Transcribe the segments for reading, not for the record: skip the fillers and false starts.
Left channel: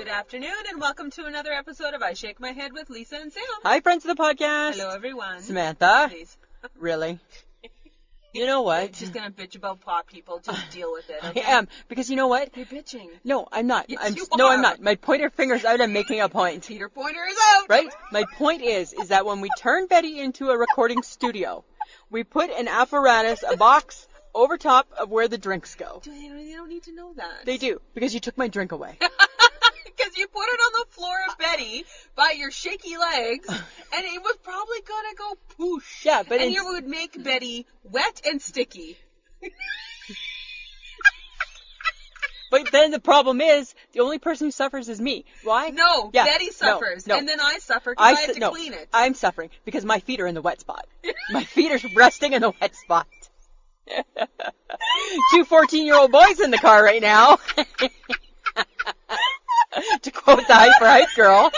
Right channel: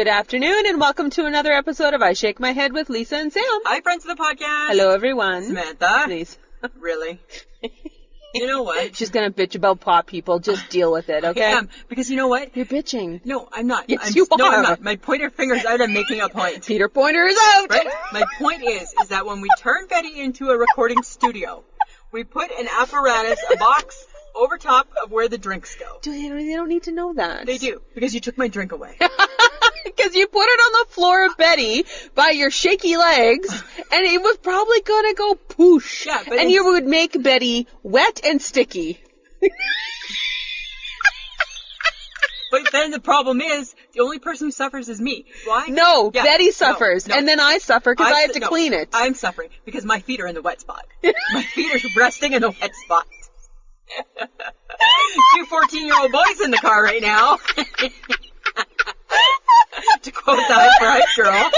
Good afternoon, and welcome to another episode of I Shake My Head with Lisa and Sam. Hi, friends of the podcast. Hello, everyone. Samantha. Please. Really? You know what? She's going to bitch about pot people. Just deal with it, okay? I am, because you know what? You're bitching. No, I'm not. Yes, No, I'm not. My pointer finger's out. I'm making a point. Peter Pointer is out! Right? My point is that when we turn Betty into a recording studio, we put an apparatus, a box, over top of where the drinks go. They don't need to know that. They do, because you took my drink away. Because you put it on the floor of Betty by your shaky legs, and it was probably going to go poosh. Yeah, but and you would make Betty wet and sticky. But then the problem is, the only person who suffers is me. Why? No, Yeah, Betty suffers, no. and then I suffer because I have to clean it. I'm suffering because my feet are in the wet spot. My feet are resting in the wet spot. 2 14-year-old boys in the car right now. To quote the hype girl.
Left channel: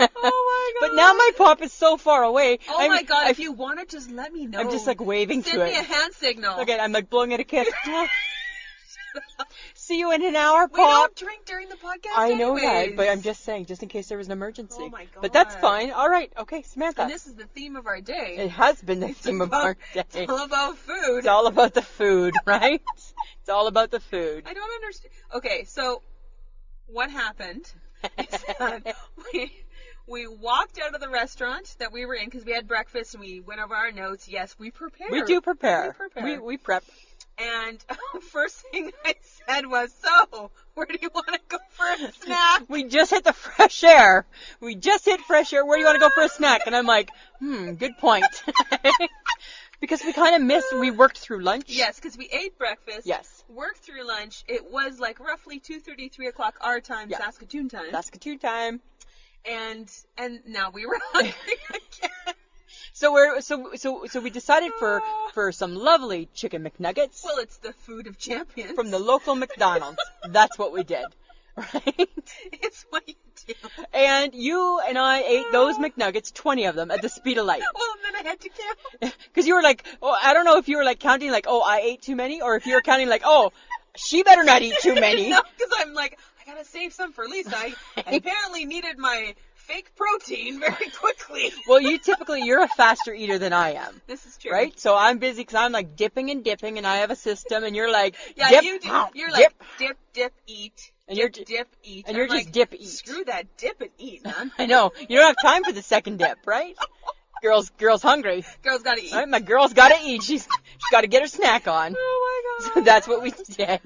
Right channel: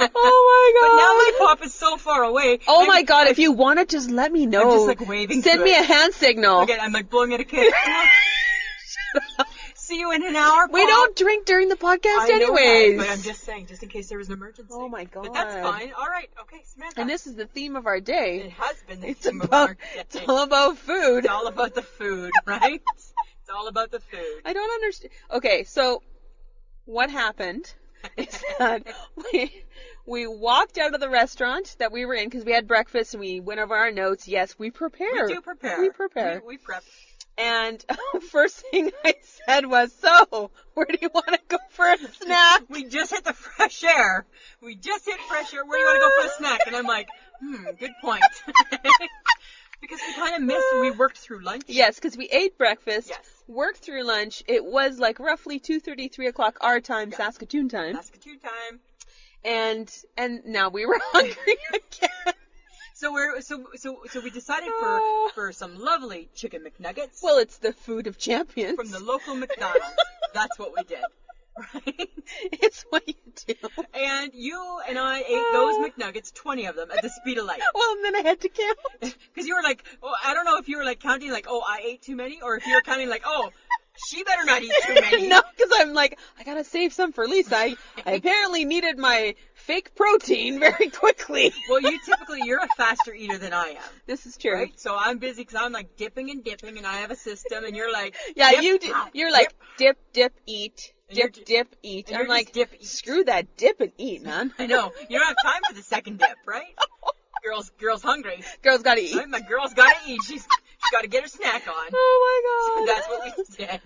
Oh my god. But now my pop is so far away. Oh my god, if you want it, just let me know. I'm just like waving Send to me it. a hand signal. Okay, I'm like blowing it a kiss. See you in an hour, We Pop. don't drink during the podcast I know anyways. that, but I'm just saying, just in case there was an emergency. Oh my god. But that's fine. All right. Okay, Samantha. And this is the theme of our day. It has been the theme of our day. It's all about food. It's all about the food, right? It's all about the food. I don't understand. Okay, so what happened is that we walked out of the restaurant that we were in because we had breakfast and we went over our notes. Yes, we prepare. We do prepare. We prepare. We prep. And first thing I said was, so, where do you want to go for a snack? We just hit the fresh air. We just hit fresh air. Where do you want to go for a snack? And I'm like, good point. Because we kind of missed, we worked through lunch. Yes, because we ate breakfast. Yes. Worked through lunch. It was like roughly 2:30, 3 o'clock our time, Yeah. Saskatoon time. Saskatoon time. And now we were hungry again. So we decided for some lovely chicken McNuggets. Well, it's the food of champions. From the local McDonald's. That's what we did. Right? It's what you do. And you and I ate those McNuggets, 20 of them, at the speed of light. Well, and then I had to count. Because you were like, oh, I don't know if you were like counting like, oh, I ate too many, or if you were counting like, oh, she better not eat too many. No, because I'm like, I gotta save some for Lisa. I apparently needed my fake protein very quickly. Well, you're a faster eater than I am. This is true. Right? So I'm busy because I'm like dipping and dipping, and I have a system, and you're like, yeah, dip, you're like, dip, eat. And Dip, eat. And you're like, just dip, eat. Screw that dip and eat, man. I know. You don't have time for the second dip, right? Girl's hungry. Girl's gotta eat. Right? My girl's gotta eat. She's got to get her snack on. Oh my god. So that's what we did.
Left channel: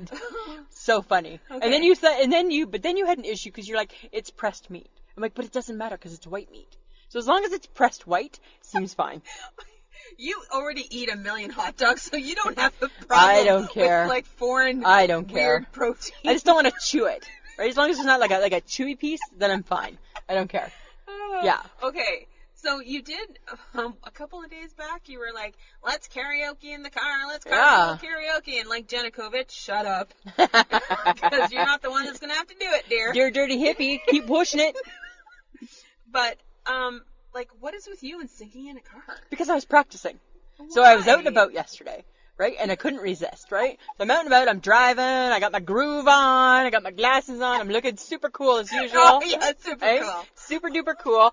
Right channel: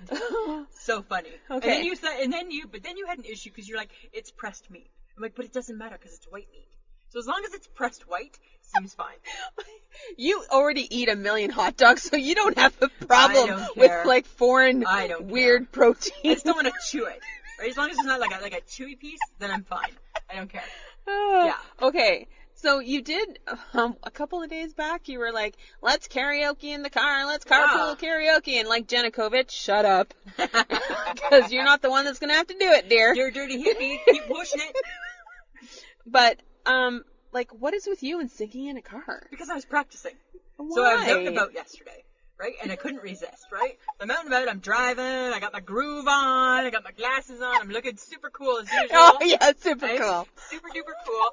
So funny. Okay. And then you said, but then you had an issue because you're like, it's pressed meat. I'm like, but it doesn't matter because it's white meat. So as long as it's pressed white, seems fine. You already eat a million hot dogs, so you don't have a problem I don't care. with like foreign weird protein. I just don't want to chew it. Right? As long as it's not like a chewy piece, then I'm fine. I don't care. Yeah. Okay. So you did a couple of days back. You were like, "Let's karaoke in the car. Let's carpool karaoke." And like Janukovic, shut up, because you're not the one that's gonna have to do it, dear. Dear dirty hippie, keep pushing it. But like, what is with you and singing in a car? Because I was practicing. Why? So I was out and about yesterday, right? And I couldn't resist, right? So I'm out and about, I'm driving, I got my groove on, I got my glasses on, I'm looking super cool as usual. Oh, yeah, super right? cool. Super duper cool.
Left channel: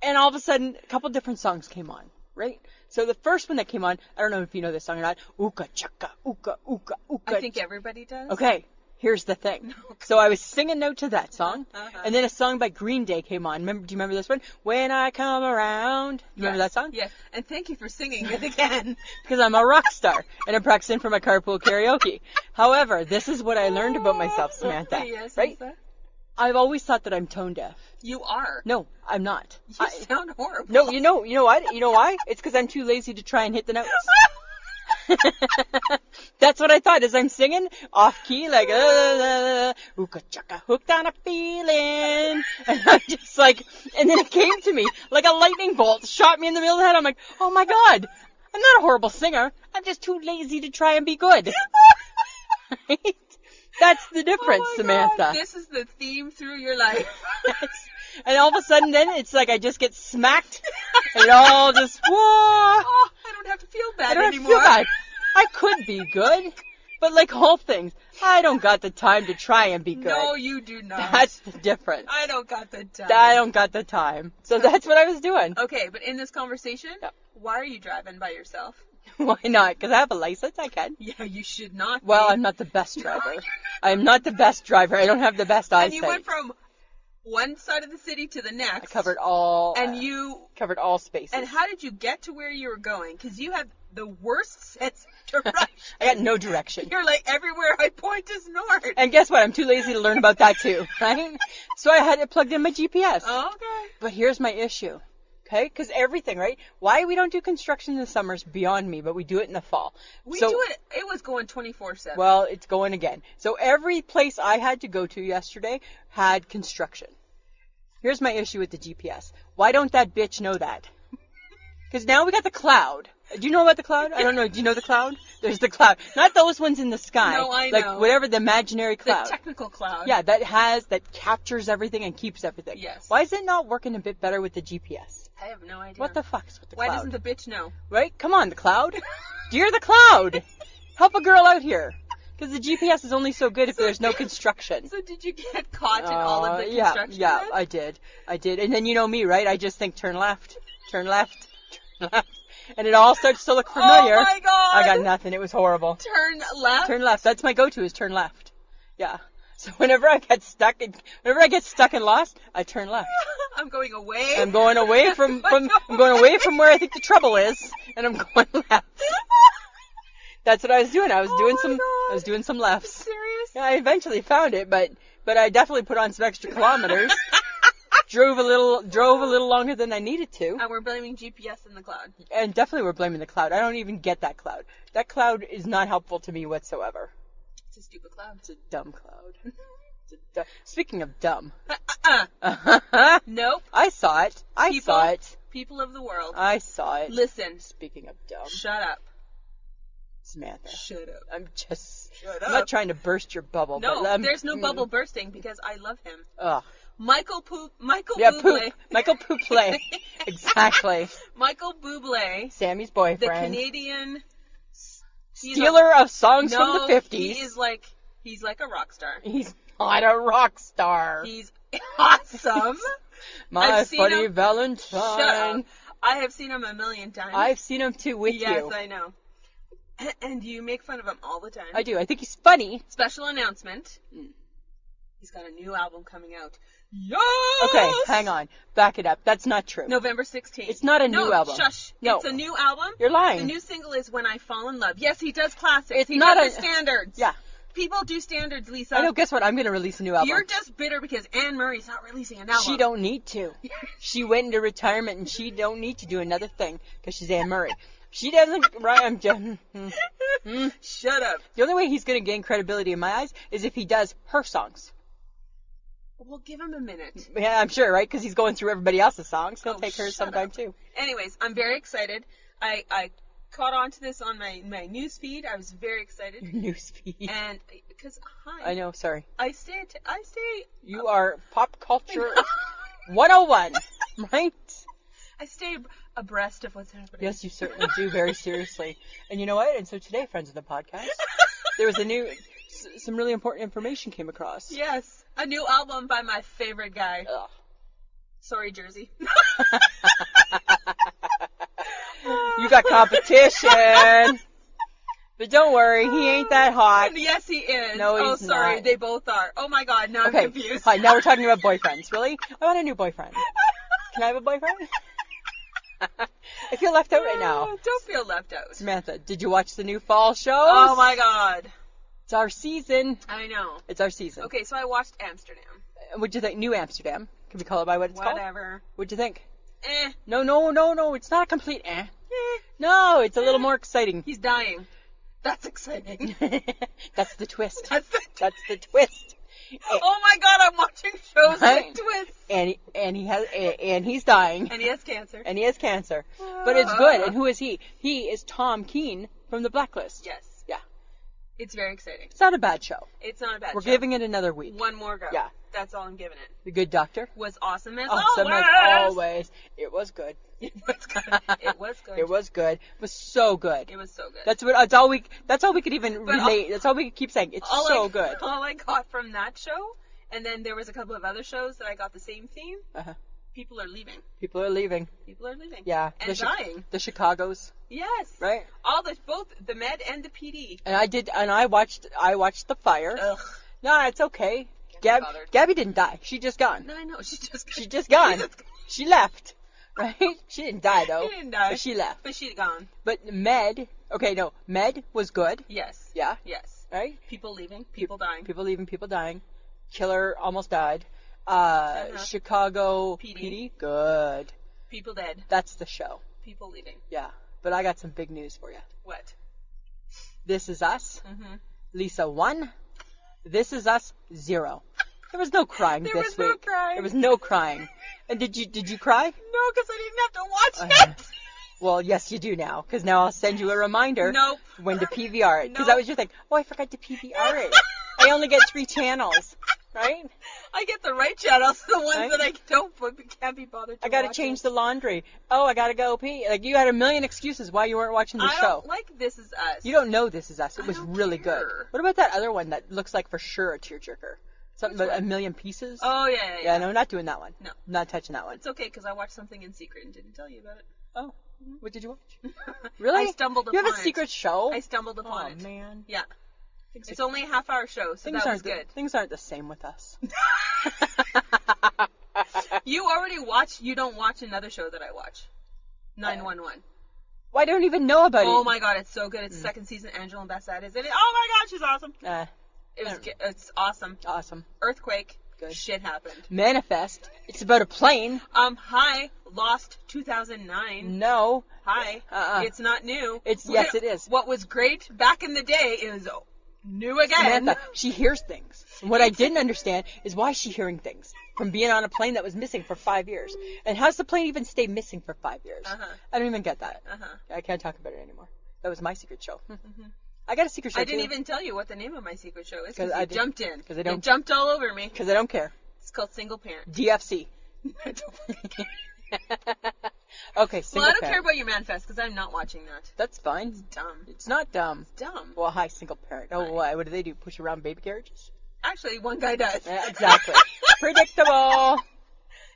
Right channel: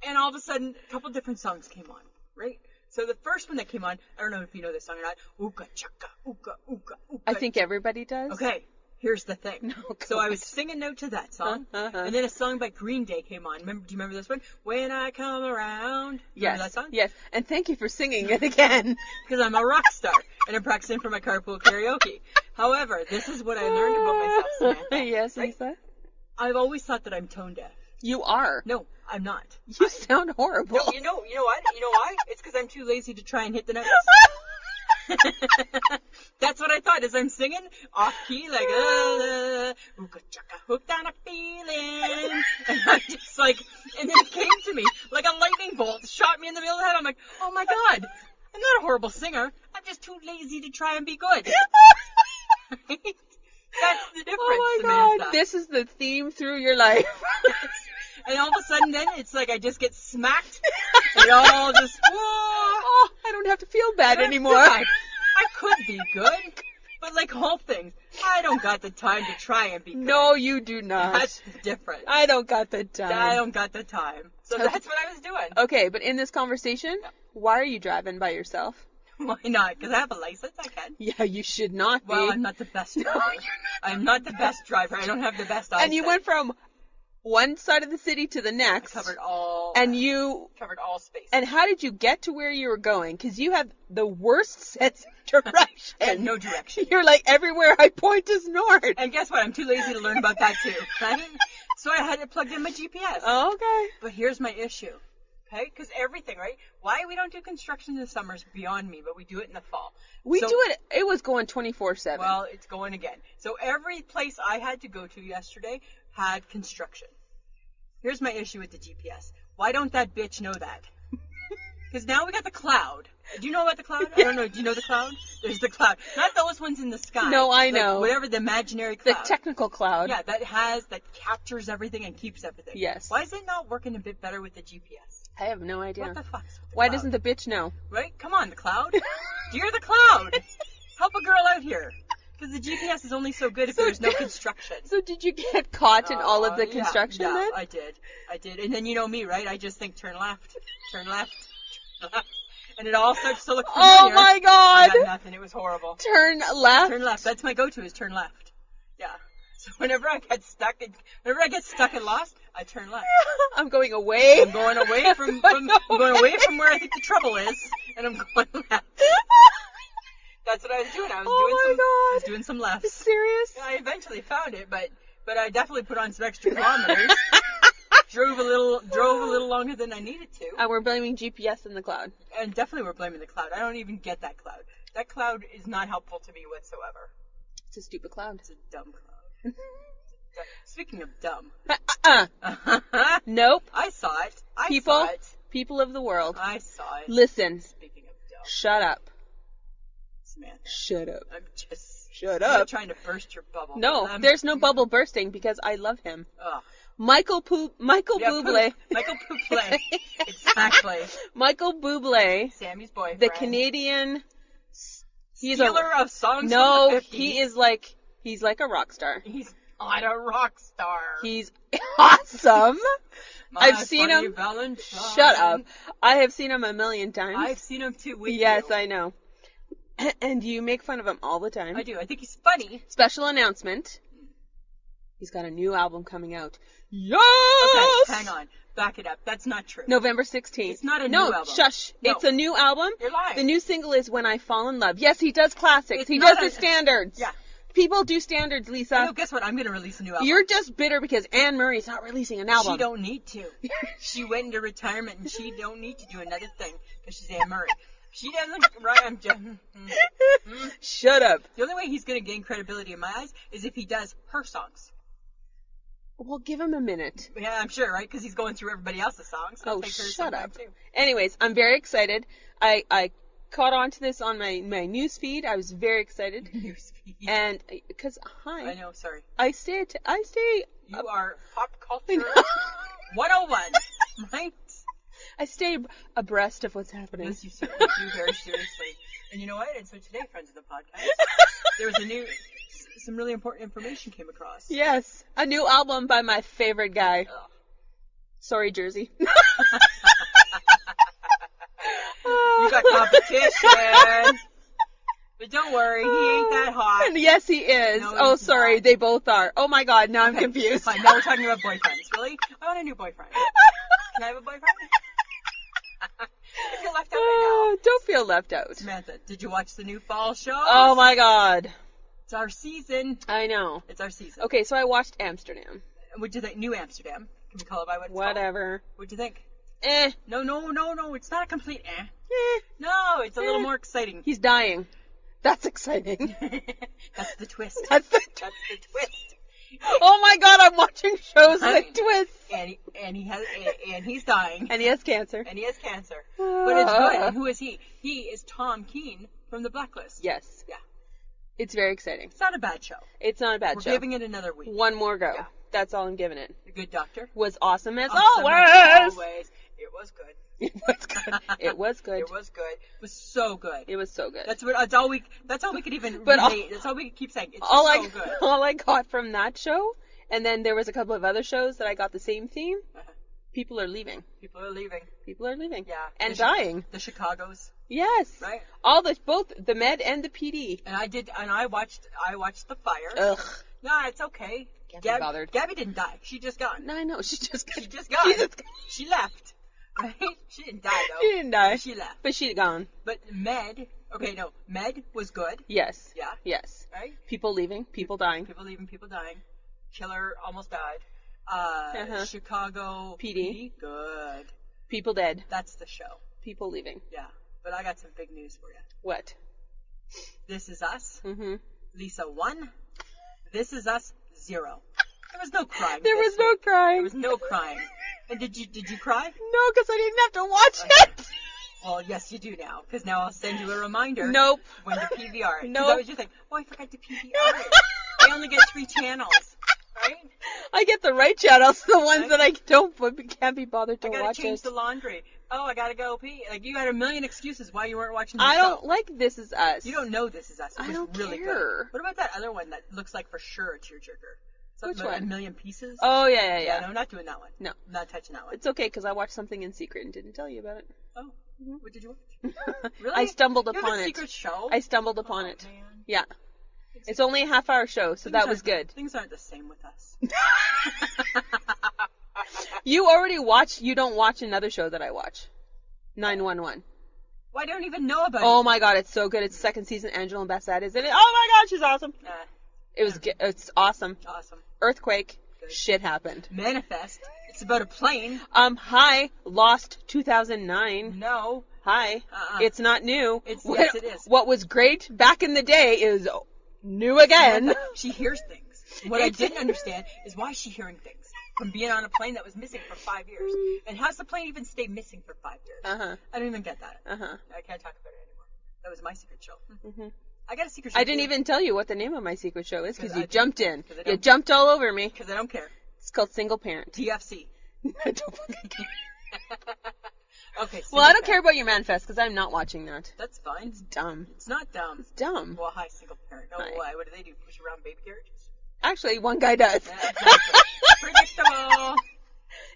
And all of a sudden, a couple different songs came on, right? So the first one that came on, I don't know if you know this song or not, Ooka Chaka, Ooka, Ooka, Ooka. I think everybody does. Okay. Here's the thing. So I was singing note to that song, and then a song by Green Day came on. Do you remember this one? When I Come Around. Remember that song? Yes. And thank you for singing it again. Because I'm a rock star, and I'm practicing for my carpool karaoke. However, this is what I learned about myself, Samantha. Yes, right? Lisa? I've always thought that I'm tone deaf. You are. No, I'm not. You sound horrible. No, you know what? You know why? It's because I'm too lazy to try and hit the notes. That's what I thought as I'm singing off key, like ooka chaka, hooked on a feeling, and I'm just like, and then it came to me like a lightning bolt, shot me in the middle of the head. I'm like, oh my god, I'm not a horrible singer. I'm just too lazy to try and be good. Right? That's the difference, Samantha. God. This is the theme through your life. And all of a sudden, then it's like I just get smacked. And it all just whoa. Oh, I don't have to feel bad anymore. I could be good, But like all things, I don't got the time to try and be good. No, you do not. That's the difference. I don't got the time. I don't got the time. So that's what I was doing. Okay, but in this conversation, why are you driving by yourself? Why not? Because I have a license, I can. Yeah, you should not. Well, I'm not the best driver. I'm not the best driver. I don't have the best eyesight. And you went from one side of the city to the next. I covered all. And you covered all spaces. And how did you get to where you were going? Because you have the worst sense of direction. I got no direction. You're like, everywhere I point is north. And guess what? I'm too lazy to learn about that too, right? So I had it plugged in my GPS. Oh, okay. But here's my issue. Okay, because everything, right? Why we don't do construction in the summer is beyond me, but we do it in the fall. We do it. It was going 24/7. Well, it's going again. So every place I had to go to yesterday had construction. Here's my issue with the GPS. Why don't that bitch know that? Because now we got the cloud. Do you know about the cloud? I don't know. Do you know the cloud? There's the cloud. Not those ones in the sky. No, I know. Like whatever the imaginary cloud. The technical cloud. Yeah, that captures everything and keeps everything. Yes. Why is it not working a bit better with the GPS? I have no idea. What the fuck's with the Why cloud? doesn't the bitch know? Right? Come on, the cloud. Dear the cloud. Help a girl out here. Because the GPS is only so good if there's no construction. So did you get caught in all of the construction Yeah, then? I did. And then you know me, right? I just think turn left, turn left, turn left. And it all starts to look familiar. Oh my god! I got nothing. It was horrible. Turn left? Turn left. That's my go-to is turn left. Yeah. So whenever I get stuck and lost, I turn left. I'm going away. I'm going away from where I think the trouble is, and I'm going left. That's what I was doing. I was doing some lefts. Serious? Yeah, I eventually found it, but I definitely put on some extra kilometers. Drove a little longer than I needed to. And we're blaming GPS in the cloud. And definitely we're blaming the cloud. I don't even get that cloud. That cloud is not helpful to me whatsoever. It's a stupid cloud. It's a dumb cloud. Speaking of dumb. Nope. I saw it. I saw it. People of the world. I saw it. Listen. Speaking of dumb. Shut up. Samantha. Shut up. I'm just... Shut I'm up. not trying to burst your bubble. No, there's no bubble bursting because I love him. Ugh. Michael Buble. Michael Buble. Exactly. Michael Buble. Sammy's boyfriend. The Canadian... Stealer of songs from the 50s. He's like a rock star. He's not a rock star. He's awesome. I've seen him. Valentine. Shut up. I have seen him a million times. I've seen him too with you. Yes, I know. And you make fun of him all the time. I do. I think he's funny. Special announcement. He's got a new album coming out. Yes! Okay, hang on. Back it up. That's not true. November 16th. It's not a new album. Shush. No. It's a new album. You're lying. The new single is When I Fall in Love. Yes, he does classics. He not does the standards. Yeah. People do standards, Lisa. I know, guess what? I'm going to release a new album. You're just bitter because Anne Murray's not releasing an album. She don't need to. She went into retirement and she don't need to do another thing because she's Anne Murray. She doesn't, right? I'm just, Shut up. The only way he's going to gain credibility in my eyes is if he does her songs. Well, give him a minute. Yeah, I'm sure, right? Because he's going through everybody else's songs. He'll take hers sometime too. Anyways, I'm very excited. I caught on to this on my news feed. I was very excited. News feed. And because I know, sorry. I stay. You are pop culture 101, right? I stay abreast of what's happening. Yes, you certainly do, very seriously. And you know what? And so today, friends of the podcast, there was some really important information came across. Yes, a new album by my favorite guy. Ugh. Sorry, Jersey. You got competition. But don't worry, he ain't that hot. Yes, he is. No, he's sorry, not. they both are. Oh my God, now I'm confused. Fine, now we're talking about boyfriends. Really? I want a new boyfriend. Can I have a boyfriend? I feel left out right now. Don't feel left out. Samantha, did you watch the new fall shows? Oh my God. It's our season. I know. It's our season. Okay, so I watched Amsterdam. What'd you think? New Amsterdam. Can we call it by what it's called? Whatever. What'd you think? Eh. No. It's not a complete eh. No, it's a little more exciting. He's dying. That's exciting. That's the twist. That's the twist. Oh my God, I'm watching shows like twists. And he's dying. And he has cancer. But it's good. And who is he? He is Tom Keane from The Blacklist. Yes. Yeah. It's very exciting. It's not a bad show. It's not a bad We're show. giving it another week. One more go. Yeah. That's all I'm giving it. The Good Doctor. Was awesome as Awesome always. as always. It was good. It was good. It was good. It was good. It was so good. It was so good. That's all we could even relate. That's all we could keep saying. It's so good. All I got from that show, and then there was a couple of other shows that I got the same theme. Uh-huh. People are leaving. People are leaving. People are leaving. Yeah. And dying. The Chicagos. Yes. Right. Both the Med and the PD. And I watched The Fire. Ugh. No, it's okay. Can't be bothered. Gabby didn't die. She just gone. No, I know. She's just gone. She left. Right? She didn't die though. She didn't die. But she left. But she gone. But Med was good. Yes. Yeah. Yes. Right? People leaving. People dying. People leaving, people dying. Killer almost died. Chicago PD. Good. People dead. That's the show. People leaving. Yeah. But I got some big news for you. What? This Is Us. Mm-hmm. Lisa 1. This Is Us 0. There was no crying There this was no week. crying. There was no crying. And did you cry? No, because I didn't have to watch it. Well, yes, you do now, because now I'll send you a reminder. Nope. When to PVR it. Because Nope. that was your thing. Oh, I forgot to PVR it. I only get 3 channels. Right? I get the right channels, the ones Right? that I can't be bothered to I gotta watch change it. the laundry. Oh, I gotta go pee. Like, you had a million excuses why you weren't watching the I show. don't like This Is Us. You don't know This Is Us. It I was don't really care. good. What about that other one that looks like for sure a tearjerker? Something Which about one? A Million Pieces? Oh, yeah. Yeah, no, not doing that one. No. Not touching that one. It's okay, because I watched something in secret and didn't tell you about it. Oh. Mhm. What did you watch? Really? I stumbled You upon have a it. secret show? I stumbled upon Oh, it. man. Yeah. It's only a half-hour show, so that was good. Things aren't the same with us. You already watched. You don't watch another show that I watch. 911. Well, I don't even know about it. Oh my god, it's so good. It's the second season. Angela Bassett is in it. Oh my god, she's awesome. It's awesome. Awesome. Earthquake. Good. Shit happened. Manifest. It's about a plane. Hi. Lost 2009. No. Hi. It's not new. Yes, it is. What was great back in the day is new again. Samantha, she hears things. What I didn't understand is why is she hearing things from being on a plane that was missing for 5 years. And how's the plane even stay missing for 5 years? I don't even get that. I can't talk about it anymore. That was my secret show. I got a secret show. I didn't even tell you what the name of my secret show is because you I jumped in. I don't- You jumped all over me. Because I don't care. It's called Single Parent. DFC. Okay, Well, I don't care about your manifest because I'm not watching that. That's fine. It's dumb. It's not dumb. It's dumb. Well, hi, single parent. Oh, Hi. why? What do they do? Push around baby carriages? Actually, one guy does. Yeah, exactly. Predictable.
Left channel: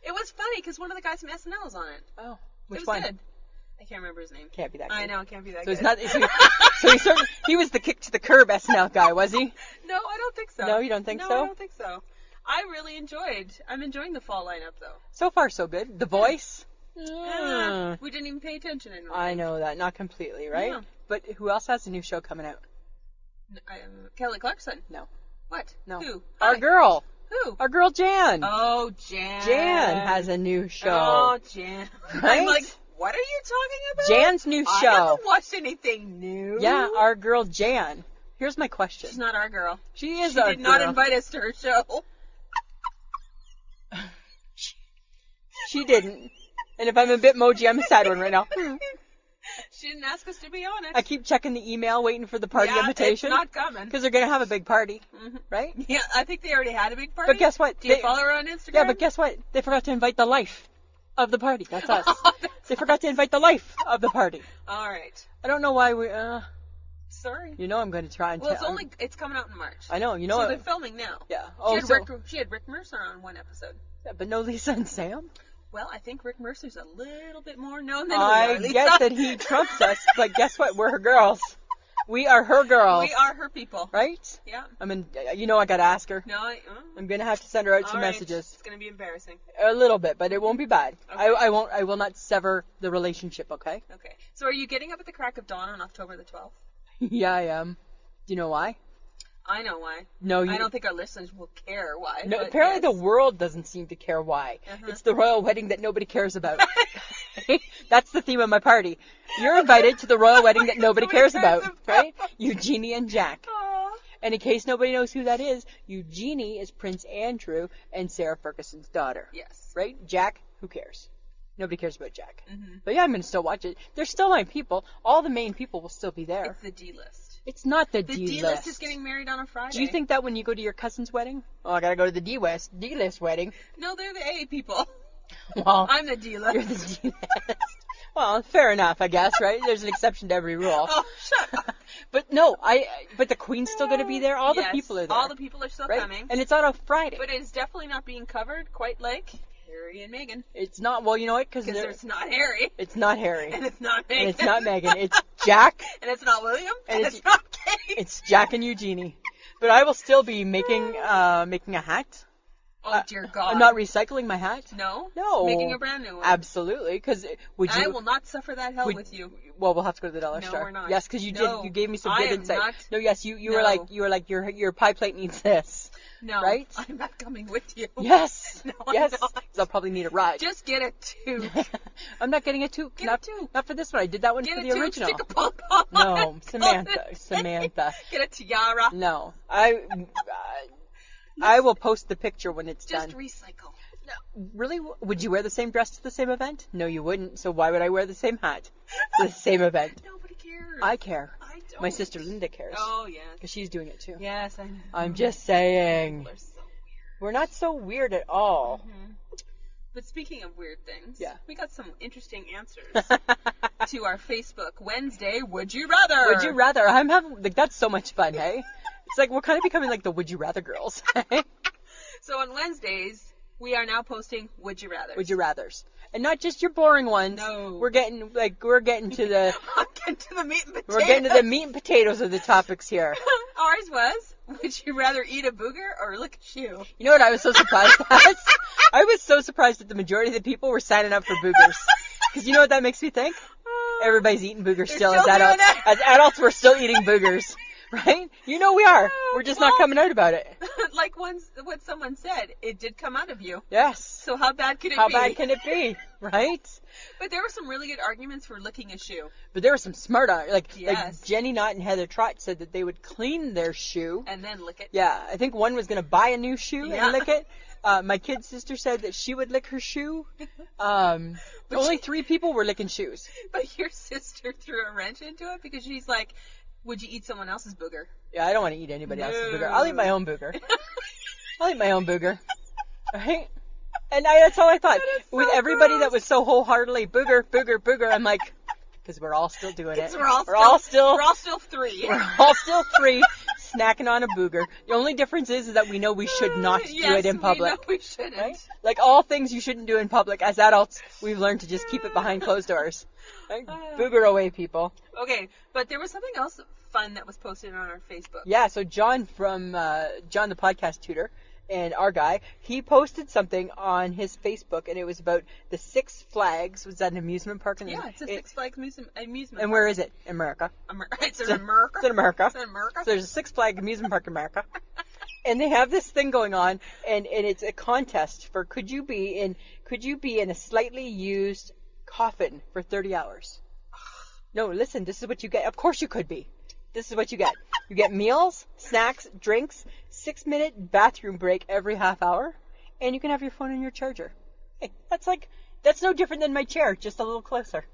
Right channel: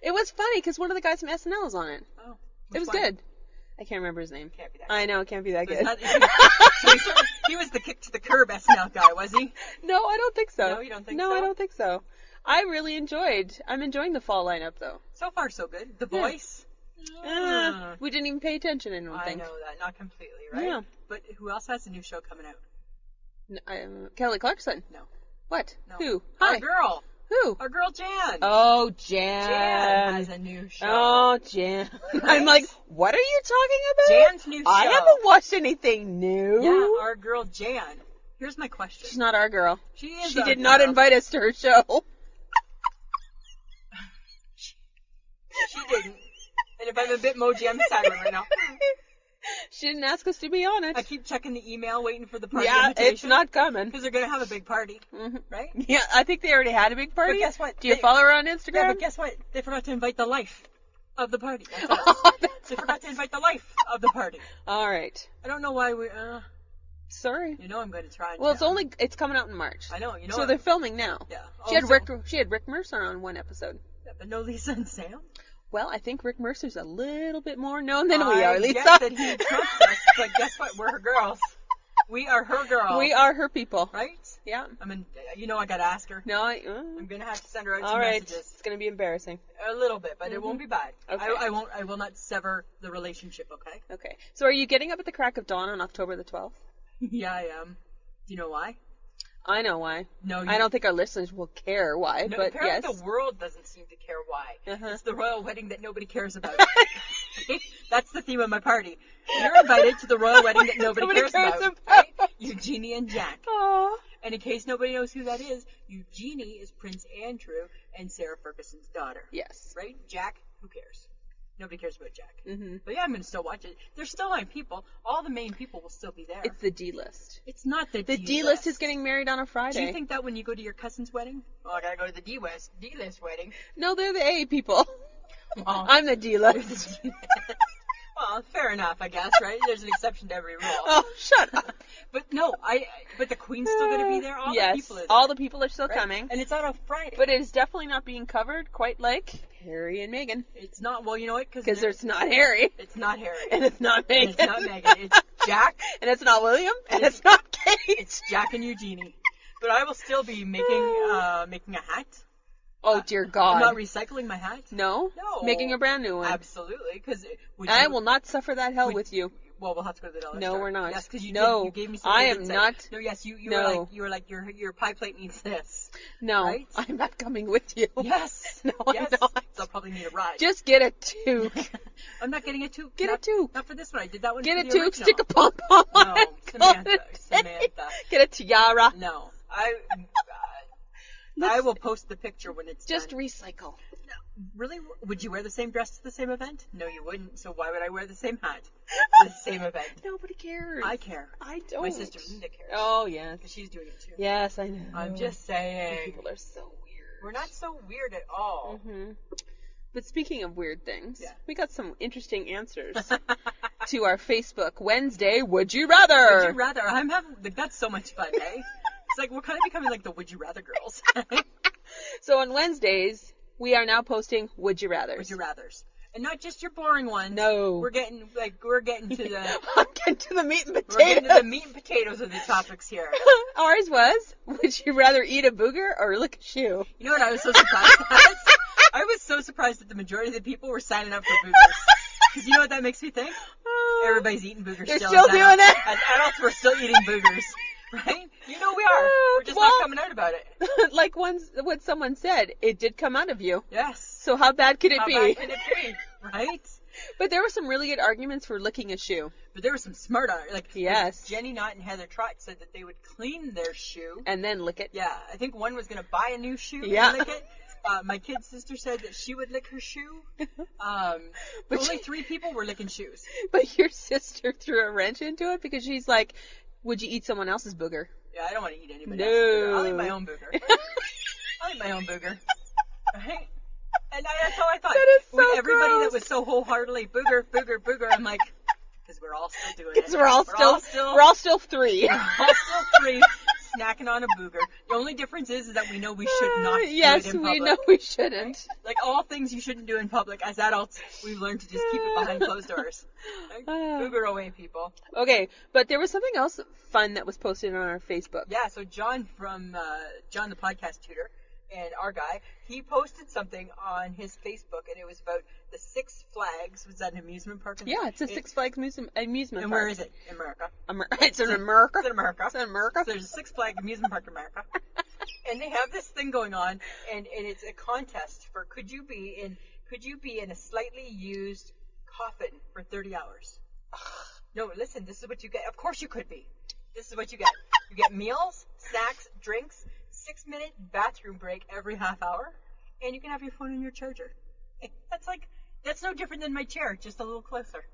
It was funny because one of the guys from SNL was on it. Oh, It was good. I can't remember his name. Can't be that. I good. know, it can't be that So good. it's not. He was the kick to the curb SNL guy, was he? No, I don't think so. No, you don't think no, so? I don't think so. I'm enjoying the fall lineup though. So far, so good. The Voice. We didn't even pay attention. I don't I think. know that, not completely, right? Yeah. But who else has a new show coming out? Kelly Clarkson. No. What? No. Who? Our Hi. girl. Who? Our girl Jann. Oh, Jann. Jann has a new show. Oh, Jann. Right? I'm like, what are you talking about? Jann's new show. I haven't watched anything new. Yeah, our girl Jann. Here's my question. She's not our girl. She is. She our did not girl. invite us to her show. She didn't. And if I'm a bit moji, I'm a sad one right now. She didn't ask us to be on it. I keep checking the email, waiting for the party yeah, invitation. it's not coming. Because they're going to have a big party, right? Yeah, I think they already had a big party. But guess what? Do you follow her on Instagram? Yeah, but guess what? They forgot to invite the life of the party. That's us. They forgot to invite the life of the party. All right. I don't know why we... Sorry. You know I'm going to try and Well, tell. it's coming out in March. I know, you know. So they're filming now. Yeah. She had Rick Mercer on one episode. Yeah, but no Lisa and Sam? Well, I think Rick Mercer's a little bit more known than we are, I Lisa. get that he trumps us, but guess what? We're her girls. We are her girls. We are her people. Right? Yeah. I mean, you know I got to ask her. No, I'm going to have to send her out some all right. messages. It's going to be embarrassing. A little bit, but it won't be bad. Okay. I will not sever the relationship, okay? Okay. So are you getting up at the crack of dawn on October the 12th? Yeah, I am. Do you know why? I know why. No, I don't think our listeners will care why. No, but apparently yes. the world doesn't seem to care why. Uh-huh. It's the royal wedding that nobody cares about. That's the theme of my party. You're invited to the royal wedding that nobody cares about, right? Eugenie and Jack. Aww. And in case nobody knows who that is, Eugenie is Prince Andrew and Sarah Ferguson's daughter. Yes. Right? Jack, who cares? Nobody cares about Jack. Mm-hmm. But yeah, I'm going to still watch it. They're still my people. All the main people will still be there. It's the D-list. It's not the The D-list. D-list is getting married on a Friday. Do you think that when you go to your cousin's wedding? Oh, I got to go to the D-list wedding. No, they're the A people. Well, I'm the D-list. you're the D-list. Well, fair enough, I guess, right? There's an exception to every rule. Oh, shut up. But no, but the Queen's still going to be there. All Yes, the people are there. all the people are still right? coming. And it's on a Friday. But it is definitely not being covered quite like Harry and Meghan. It's not, well, you know what? Because it's not Harry. It's not Harry. And it's not Meghan. And it's not Meghan. It's Jack. And it's not William. And it's not Kate. It's Jack and Eugenie. But I will still be making a hat. Oh, dear God. I'm not recycling my hat. No? No. Making a brand new one. Absolutely. Because I will not suffer that hell with you. Well, we'll have to go to the dollar store. No, we're not. Yes, because you gave me some I good am insight. not. No, yes, you No. were like your pie plate needs this. No. Right? I'm not coming with you. Yes. No, yes. I'm not. 'Cause I'll probably need a ride. Just get a toque. I'm not getting a toque. Get a toque. Not for this one. I did that one Get for a the toque, original. stick a pom-pom on No, it. Samantha. Get a tiara. No, I will post the picture when it's Just done. recycle. Really? Would you wear the same dress to the same event? No, you wouldn't. So why would I wear the same hat to the same event? Nobody cares. I care. I don't. My sister Linda cares. Oh, yeah. Because she's doing it too. Yes, I know. I'm just saying. People are so weird. We're not so weird at all. Mm-hmm. But speaking of weird things, Yeah. we got some interesting answers to our Facebook Wednesday Would You Rather. Would you rather? I'm having, like, that's so much fun, hey? It's like, we're kind of becoming like the Would You Rather girls. So on Wednesdays, we are now posting Would You Rather. Would You Rathers. And not just your boring ones. No. We're getting to the, I'm getting to the meat and potatoes. we're getting to the meat and potatoes of the topics here. Ours was, would you rather eat a booger or lick a shoe? You know what I was so surprised at? I was so surprised that the majority of the people were signing up for boogers. Because you know what that makes me think? Everybody's eating boogers They're still. still as doing adults. it. As adults, we're still eating boogers. Right? You know we are. We're just not Well- coming out about it. Like what someone said, it did come out of you. Yes. So how bad could it How be? bad can it be? Right? But there were some really good arguments for licking a shoe. But there were some smart, like Yes. Jenny Knott and Heather Trott said that they would clean their shoe. And then lick it. Yeah, I think one was going to buy a new shoe Yeah. and lick it. My kid's sister said that she would lick her shoe. Only 3 people were licking shoes. But your sister threw a wrench into it because she's like, would you eat someone else's booger? Yeah, I don't want to eat anybody else's booger. I'll eat my own booger. I'll eat my own booger. Right? And that's how I thought. That is so With everybody gross. that was so wholeheartedly booger, booger, booger, I'm like, because we're all still doing it. Because we're all still 3. We're all still 3 snacking on a booger. The only difference is that we know we should not do Yes, it in public. we know we shouldn't. Right? Like all things you shouldn't do in public. As adults, we've learned to just keep it behind closed doors. Like, booger away, people. Okay, but there was something else fun that was posted on our Facebook. Yeah, so John from John the podcast tutor and our guy, he posted something on his Facebook, and it was about the Six Flags. Was that an amusement park? Yeah, it's a Six Flags amusement And park. where is it? America. It's in America. It's in America. It's in America. So there's a Six Flags amusement park in America. And they have this thing going on, and it's a contest for could you be in a slightly used coffin for 30 hours? No, listen, this is what you get. Of course you could be. This is what you get. You get meals, snacks, drinks, 6-minute bathroom break every half hour, and you can have your phone and your charger. Hey, that's no different than my chair, just a little closer.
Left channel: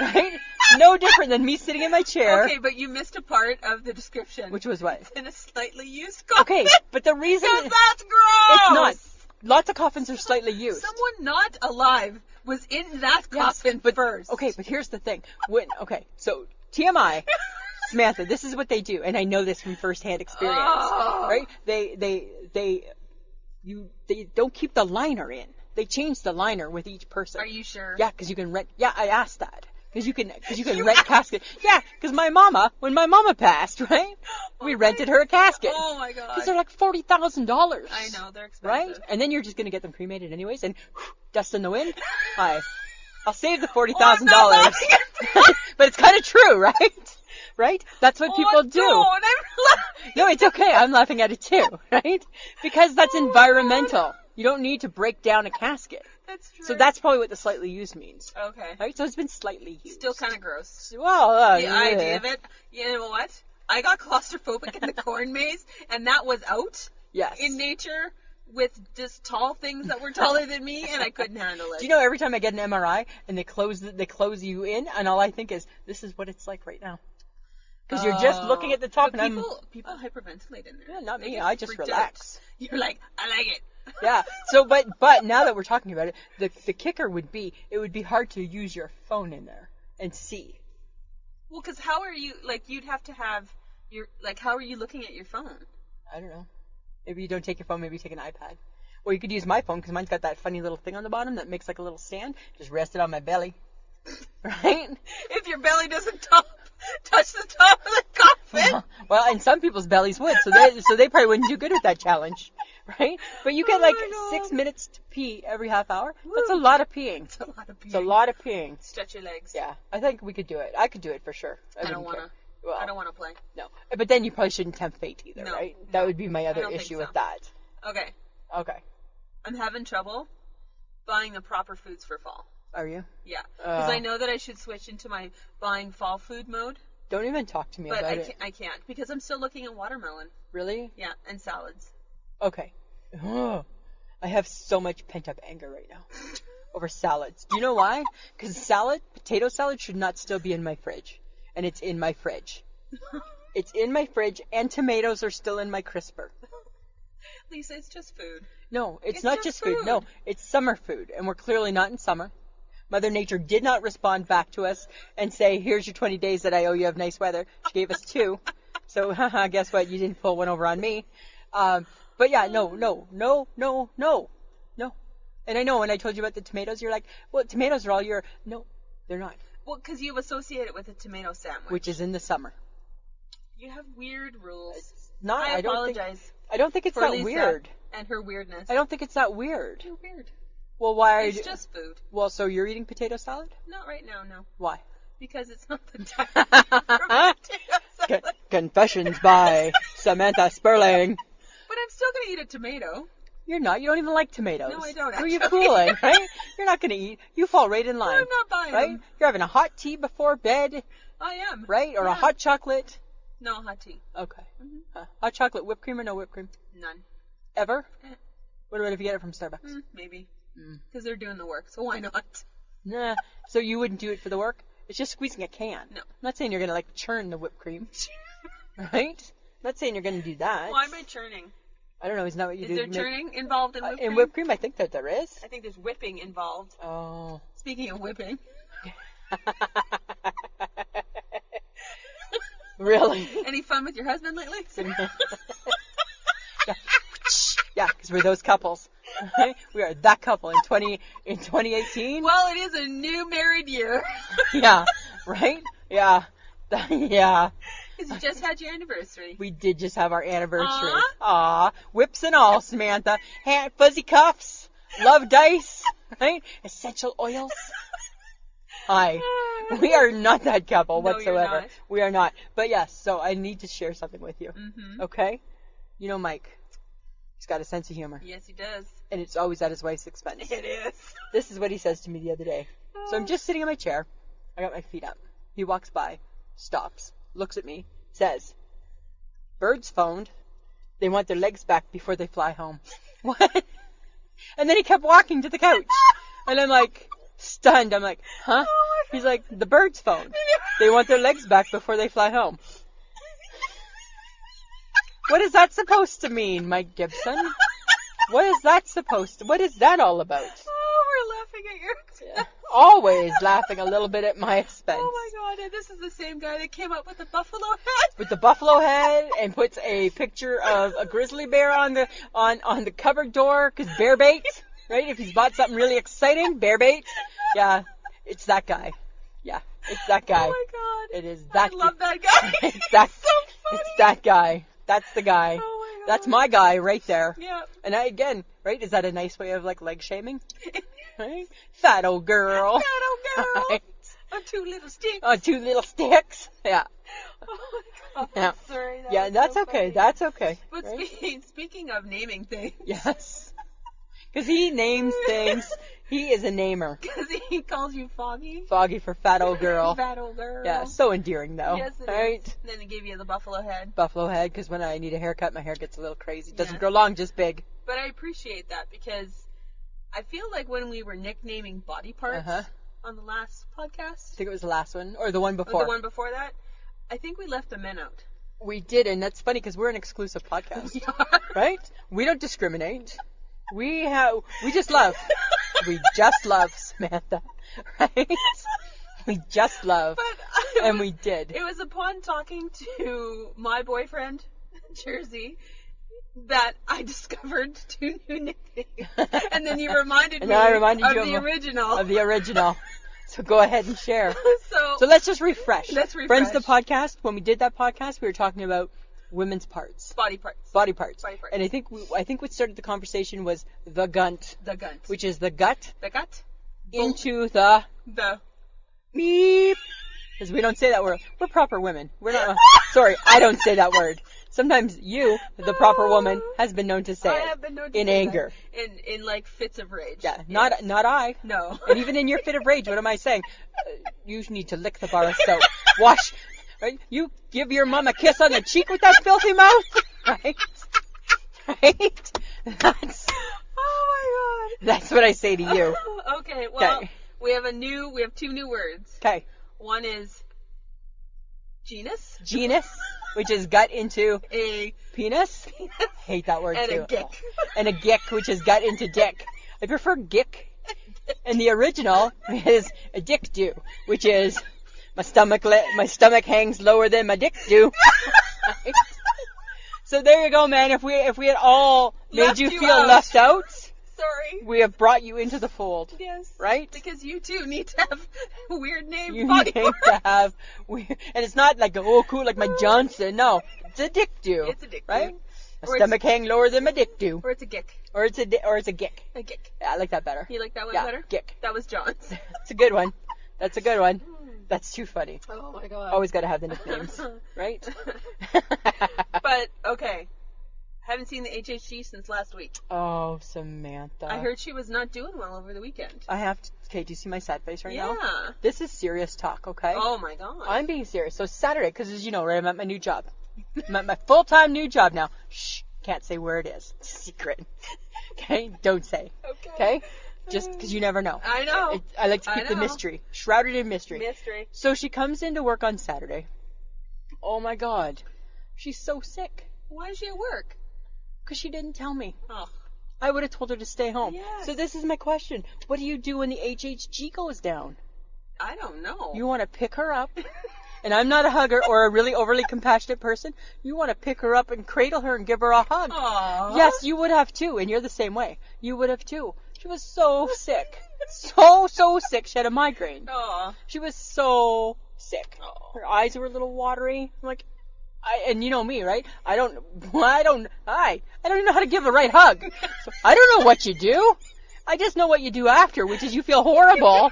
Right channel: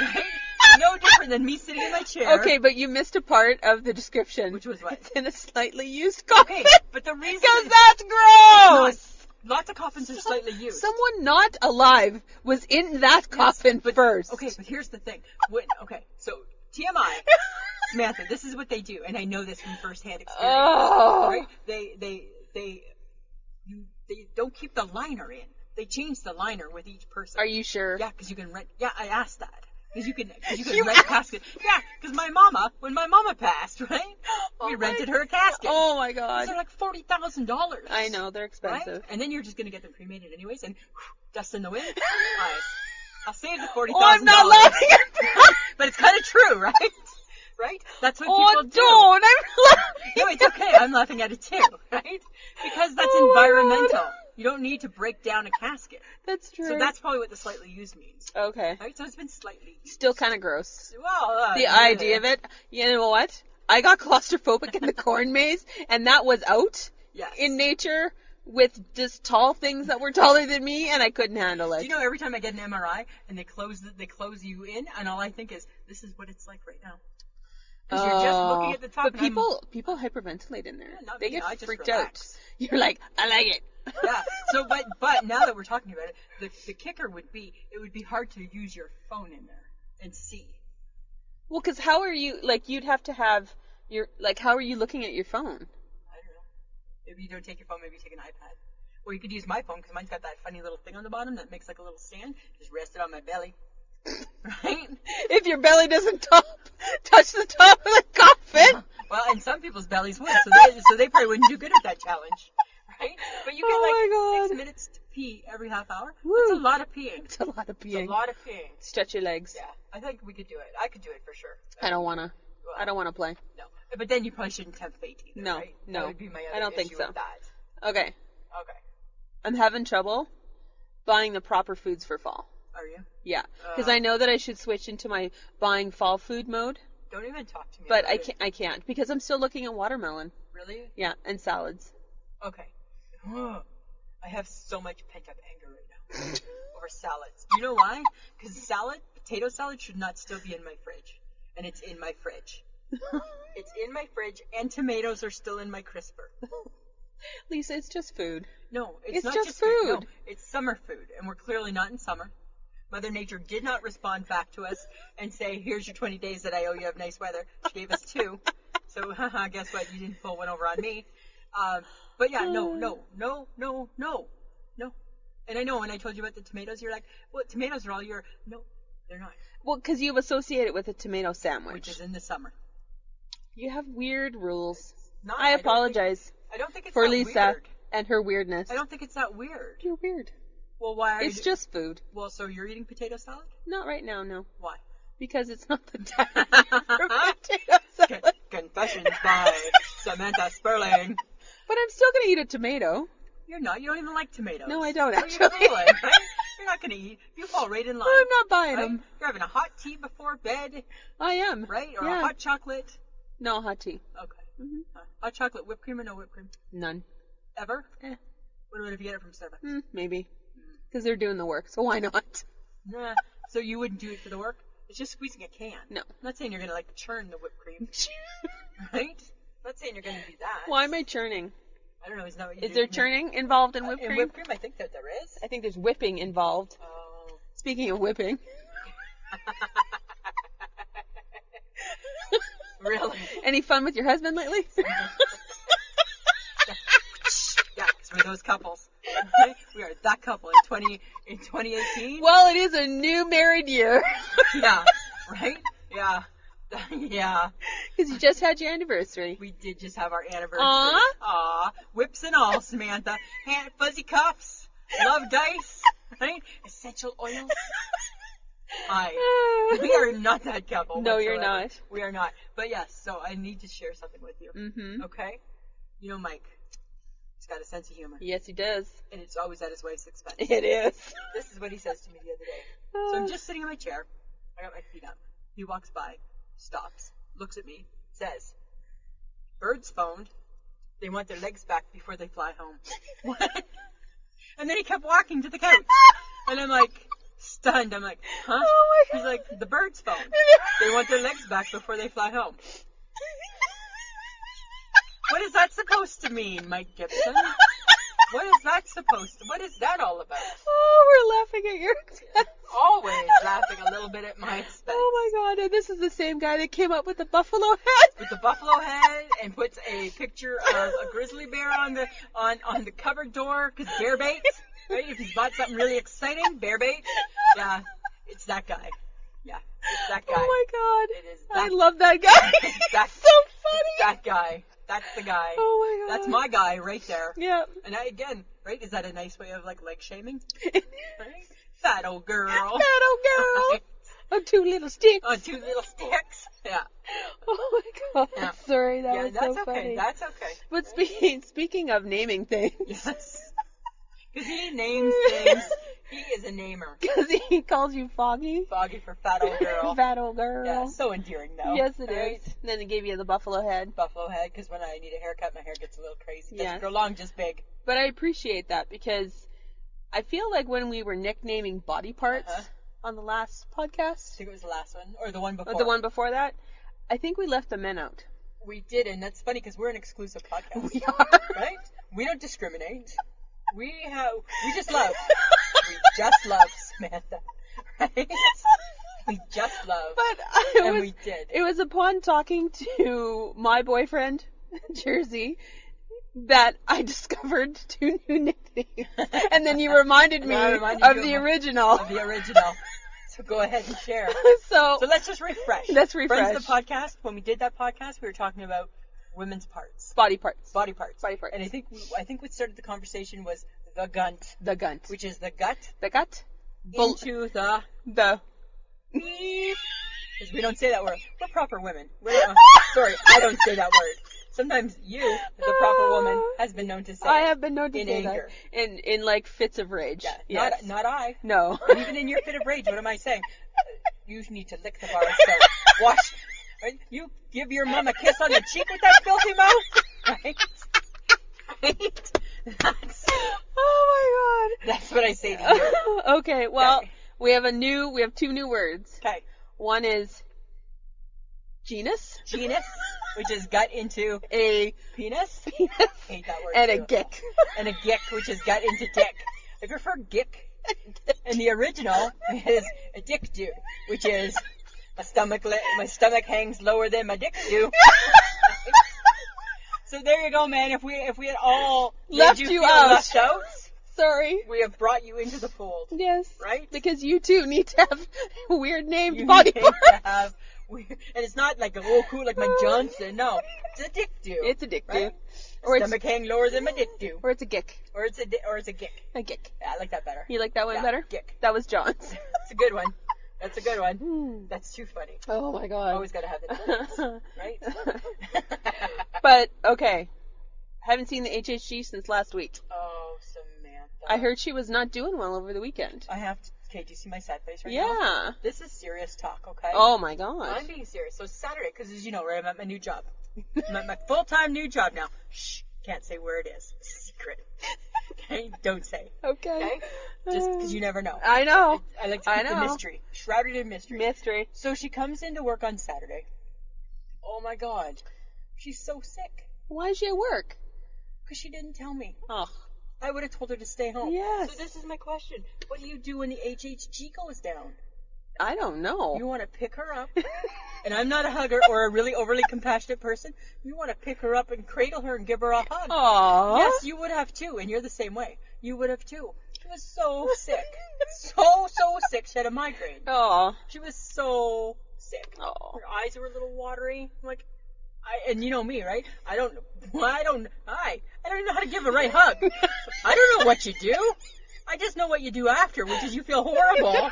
Right? No different than me sitting in my chair. Okay, but you missed a part of the description. Which was what? It's in a slightly used coffin. Okay, but the reason Because that's gross! it's not. Lots of coffins are slightly used. Someone not alive was in that coffin first. Okay, but here's the thing. So TMI, Samantha, this is what they do, and I know this from firsthand experience. Oh. Right? They don't keep the liner in. They change the liner with each person. Are you sure? Yeah, because you can rent. Yeah, I asked that. Because you can rent casket. Yeah, because when my mama passed, right? We rented her a casket. Oh my god. These are like $40,000. I know, they're expensive. Right? And then you're just going to get them cremated anyways, and dust in the wind. I'll save the $40,000. I'm not laughing at that. But it's kind of true, right? Right? That's what people do. Don't. I'm laughing. No, it's okay. I'm laughing at it too, right? Because that's environmental. You don't need to break down a casket. That's true. So that's probably what the slightly used means. okay. Right? So it's been slightly used. Still kind of gross. Well, The idea of it. You know what? I got claustrophobic in the corn maze, and that was out Yes. in nature with just tall things that were taller than me, and I couldn't handle it. Do you know every time I get an MRI and they close you in, and all I think is, this is what it's like right now. Because you're just looking at the top. But people hyperventilate in there. Yeah, not they me. get I just freaked relax. Out. You're like, I like it. Yeah. So, but now that we're talking about it, the kicker would be, it would be hard to use your phone in there and see. Well, because how are you, like, you'd have to have your, like, how are you looking at your phone? I don't know. Maybe you don't take your phone, maybe you take an iPad. Or you could use my phone, because mine's got that funny little thing on the bottom that makes like a little stand. Just rest it on my belly. Right? If your belly doesn't touch the top of the coffin. Well, and some people's bellies would, so they probably wouldn't do good with that challenge. Right? But you get like 6 minutes to pee every half hour. Woo. That's a lot of peeing. It's a lot of peeing. It's a lot of peeing. Stretch your legs. Yeah, I think we could do it. I could do it for sure. I don't want to. Well, I don't want to play. No. But then you probably shouldn't tempt fate either, no, right? No. That would be my other issue with that. Okay. Okay. I'm having trouble buying the proper foods for fall. Are you? Yeah. Because I know that I should switch into my buying fall food mode. Don't even talk to me about it. But I can't because I'm still looking at watermelon. Really? Yeah, and salads. Okay. I have so much pent-up anger right now over salads. Do you know why? Because potato salad should not still be in my fridge. And it's in my fridge. It's in my fridge, and tomatoes are still in my crisper. Lisa, it's just food. No, it's not just food. No, it's summer food, and we're clearly not in summer. Mother Nature did not respond back to us and say, here's your 20 days that I owe you of nice weather. She gave us 2. So, guess what? You didn't pull one over on me. But yeah, no. And I know when I told you about the tomatoes, you're like, well, tomatoes are all year. No, they're not. Well, because you associate it with a tomato sandwich. Which is in the summer. You have weird rules. I apologize. I don't think it's for that Lisa weird. And her weirdness. I don't think it's that weird. You're weird. Well, why are It's just food. Well, so you're eating potato salad? Not right now, no. Why? Because it's not the time for potato salad. Confessions by Samantha Sperling. But I'm still going to eat a tomato. You're not. You don't even like tomatoes. No, I don't. Who are you fooling, right? You're not going to eat. You fall right in line. No, I'm not buying right? them. You're having a hot tea before bed. I am. Right? Or yeah. a hot chocolate. No, hot tea. Okay. Mm-hmm. Hot chocolate, whipped cream or no whipped cream? None. Ever? What about if you get it from Starbucks? Maybe. Because they're doing the work, so why not? Nah. So you wouldn't do it for the work? It's just squeezing a can. No. I'm not saying you're going to like churn the whipped cream. Right? I'm not saying you're going to do that. Why am I churning? I don't know. Isn't that what you do? Is there churning involved in whipped cream? In whipped cream, I think that there is. I think there's whipping involved. Oh. Speaking of whipping. Really? Any fun with your husband lately? Yeah, because we're those couples. Right? We are that couple in 2018. Well, it is a new married year. Yeah, right? Yeah. Yeah. Because you just had your anniversary. We did just have our anniversary. Aww. Aw. Whips and all, Samantha. Fuzzy cuffs. Love dice. Right? Essential oils. Hi. We are not that couple No, whatsoever. you're not. We are not. But yes, so I need to share something with you. Mm-hmm. Okay? You know Mike. He's got a sense of humor. Yes, he does. And it's always at his wife's expense. It is. This is what he says to me the other day. So I'm just sitting in my chair. I got my feet up. He walks by, stops, looks at me, says, "Birds phoned. They want their legs back before they fly home." What? And then he kept walking to the couch. And I'm like, stunned. I'm like, huh? Oh my God. He's like, "The birds phoned. They want their legs back before they fly home." What is that supposed to mean, Mike Gibson? What is that all about? Oh, we're laughing at your expense. Always laughing a little bit at my expense. Oh my God, and this is the same guy that came up with the buffalo head. With the buffalo head and puts a picture of a grizzly bear on the cupboard door because bear bait, right? If he's bought something really exciting, bear bait. Yeah, it's that guy. Yeah, it's that guy. Oh my God. It is that I love that guy. It's that, so funny. It's that guy. That's the guy. Oh my God. That's my guy right there. Yeah. And again, right? Is that a nice way of like leg shaming? Right? Fat old girl. Fat old girl. Right. Oh, 2 little sticks. Oh, 2 little sticks. Yeah. Oh my God. Yeah. Sorry. Yeah, that's so okay. funny. That's okay. But right? speaking of naming things. Yes. Because he names things. He is a namer. Because he calls you Foggy. Foggy for fat old girl. Fat old girl. Yeah, so endearing though. Yes, it right? is. And then he gave you the buffalo head. Buffalo head, because when I need a haircut, my hair gets a little crazy. It doesn't Yes. grow long, just big. But I appreciate that because I feel like when we were nicknaming body parts on the last podcast, I think it was the last one or the one before. or the one before that, I think we left the men out. We did, and that's funny because we're an exclusive podcast. We are. Right? We don't discriminate. We just love. We just love, Samantha. Right? We just love. But we did. It was upon talking to my boyfriend, Jersey, that I discovered 2 new nicknames. And then you reminded me of the original. Of the original. So go ahead and share. So let's just refresh. Let's refresh. Friends, the podcast, when we did that podcast, we were talking about women's parts. Body parts. Body parts. Body parts. And I think what started the conversation was the gunt. The gunt. Which is the gut. The gut. Into the beep. Because we don't say that word. We're proper women. We're not. Sorry, I don't say that word. Sometimes you, the proper woman, has been known to say I have been known to in say anger. That. In like fits of rage. Yeah, Yes. not I. No. And even in your fit of rage, what am I saying? You need to lick the bar of soap. Wash. Right? You give your mom a kiss on the cheek with that filthy mouth. Right? Right? Oh my god. That's what I say to you. Okay, well, Okay. we have 2 new words. Okay. One is genus, which is gut into a penis. Hate that word and too. a gick. And a gick, which is gut into dick. I prefer gick. And the original is a dick do, which is my stomach hangs lower than my dick do. So there you go, man. If we had all made Left you you feel out. left out, Sorry. we have brought you into the fold. Yes. Right? Because you too need to have weird named You body need parts. to have weird, and it's not like cool like my Johnson. No, it's a dick do. It's a dick do. right? My Or stomach hang lower than my dick do, Or it's a gick. or it's a gick. A gick. Yeah, I like that better. You like that one Yeah, better? gick. That was John's. That's a good one. That's a good one. That's too funny. Oh my god. Always got to have the nicknames, right? But okay. Haven't seen the HHG since last week. Oh, Samantha. I heard she was not doing well over the weekend. I have to. Okay, do you see my sad face right now? Yeah. This is serious talk, okay? Oh my god. I'm being serious. So Saturday, because as you know, right, I'm at my new job. I'm at my full-time new job now. Shh, can't say where it is. It's a secret. Okay, don't say. Okay? Just because you never know. I know. I like to keep the mystery. Shrouded in mystery. Mystery. So she comes into work on Saturday. Oh my god. She's so sick. Why is she at work? Because she didn't tell me. Oh. I would have told her to stay home. Yes. So this is my question. What do you do when the HHG goes down? I don't know. You want to pick her up, and I'm not a hugger or a really overly compassionate person. You want to pick her up and cradle her and give her a hug. Aww. Yes, you would have too, and you're the same way. You would have too. She was so sick. So sick. She had a migraine. Aw. She was so sick. Oh. Her eyes were a little watery. I'm like, and you know me, right? I don't even know how to give a right hug. So I don't know what you do. I just know what you do after, which is you feel horrible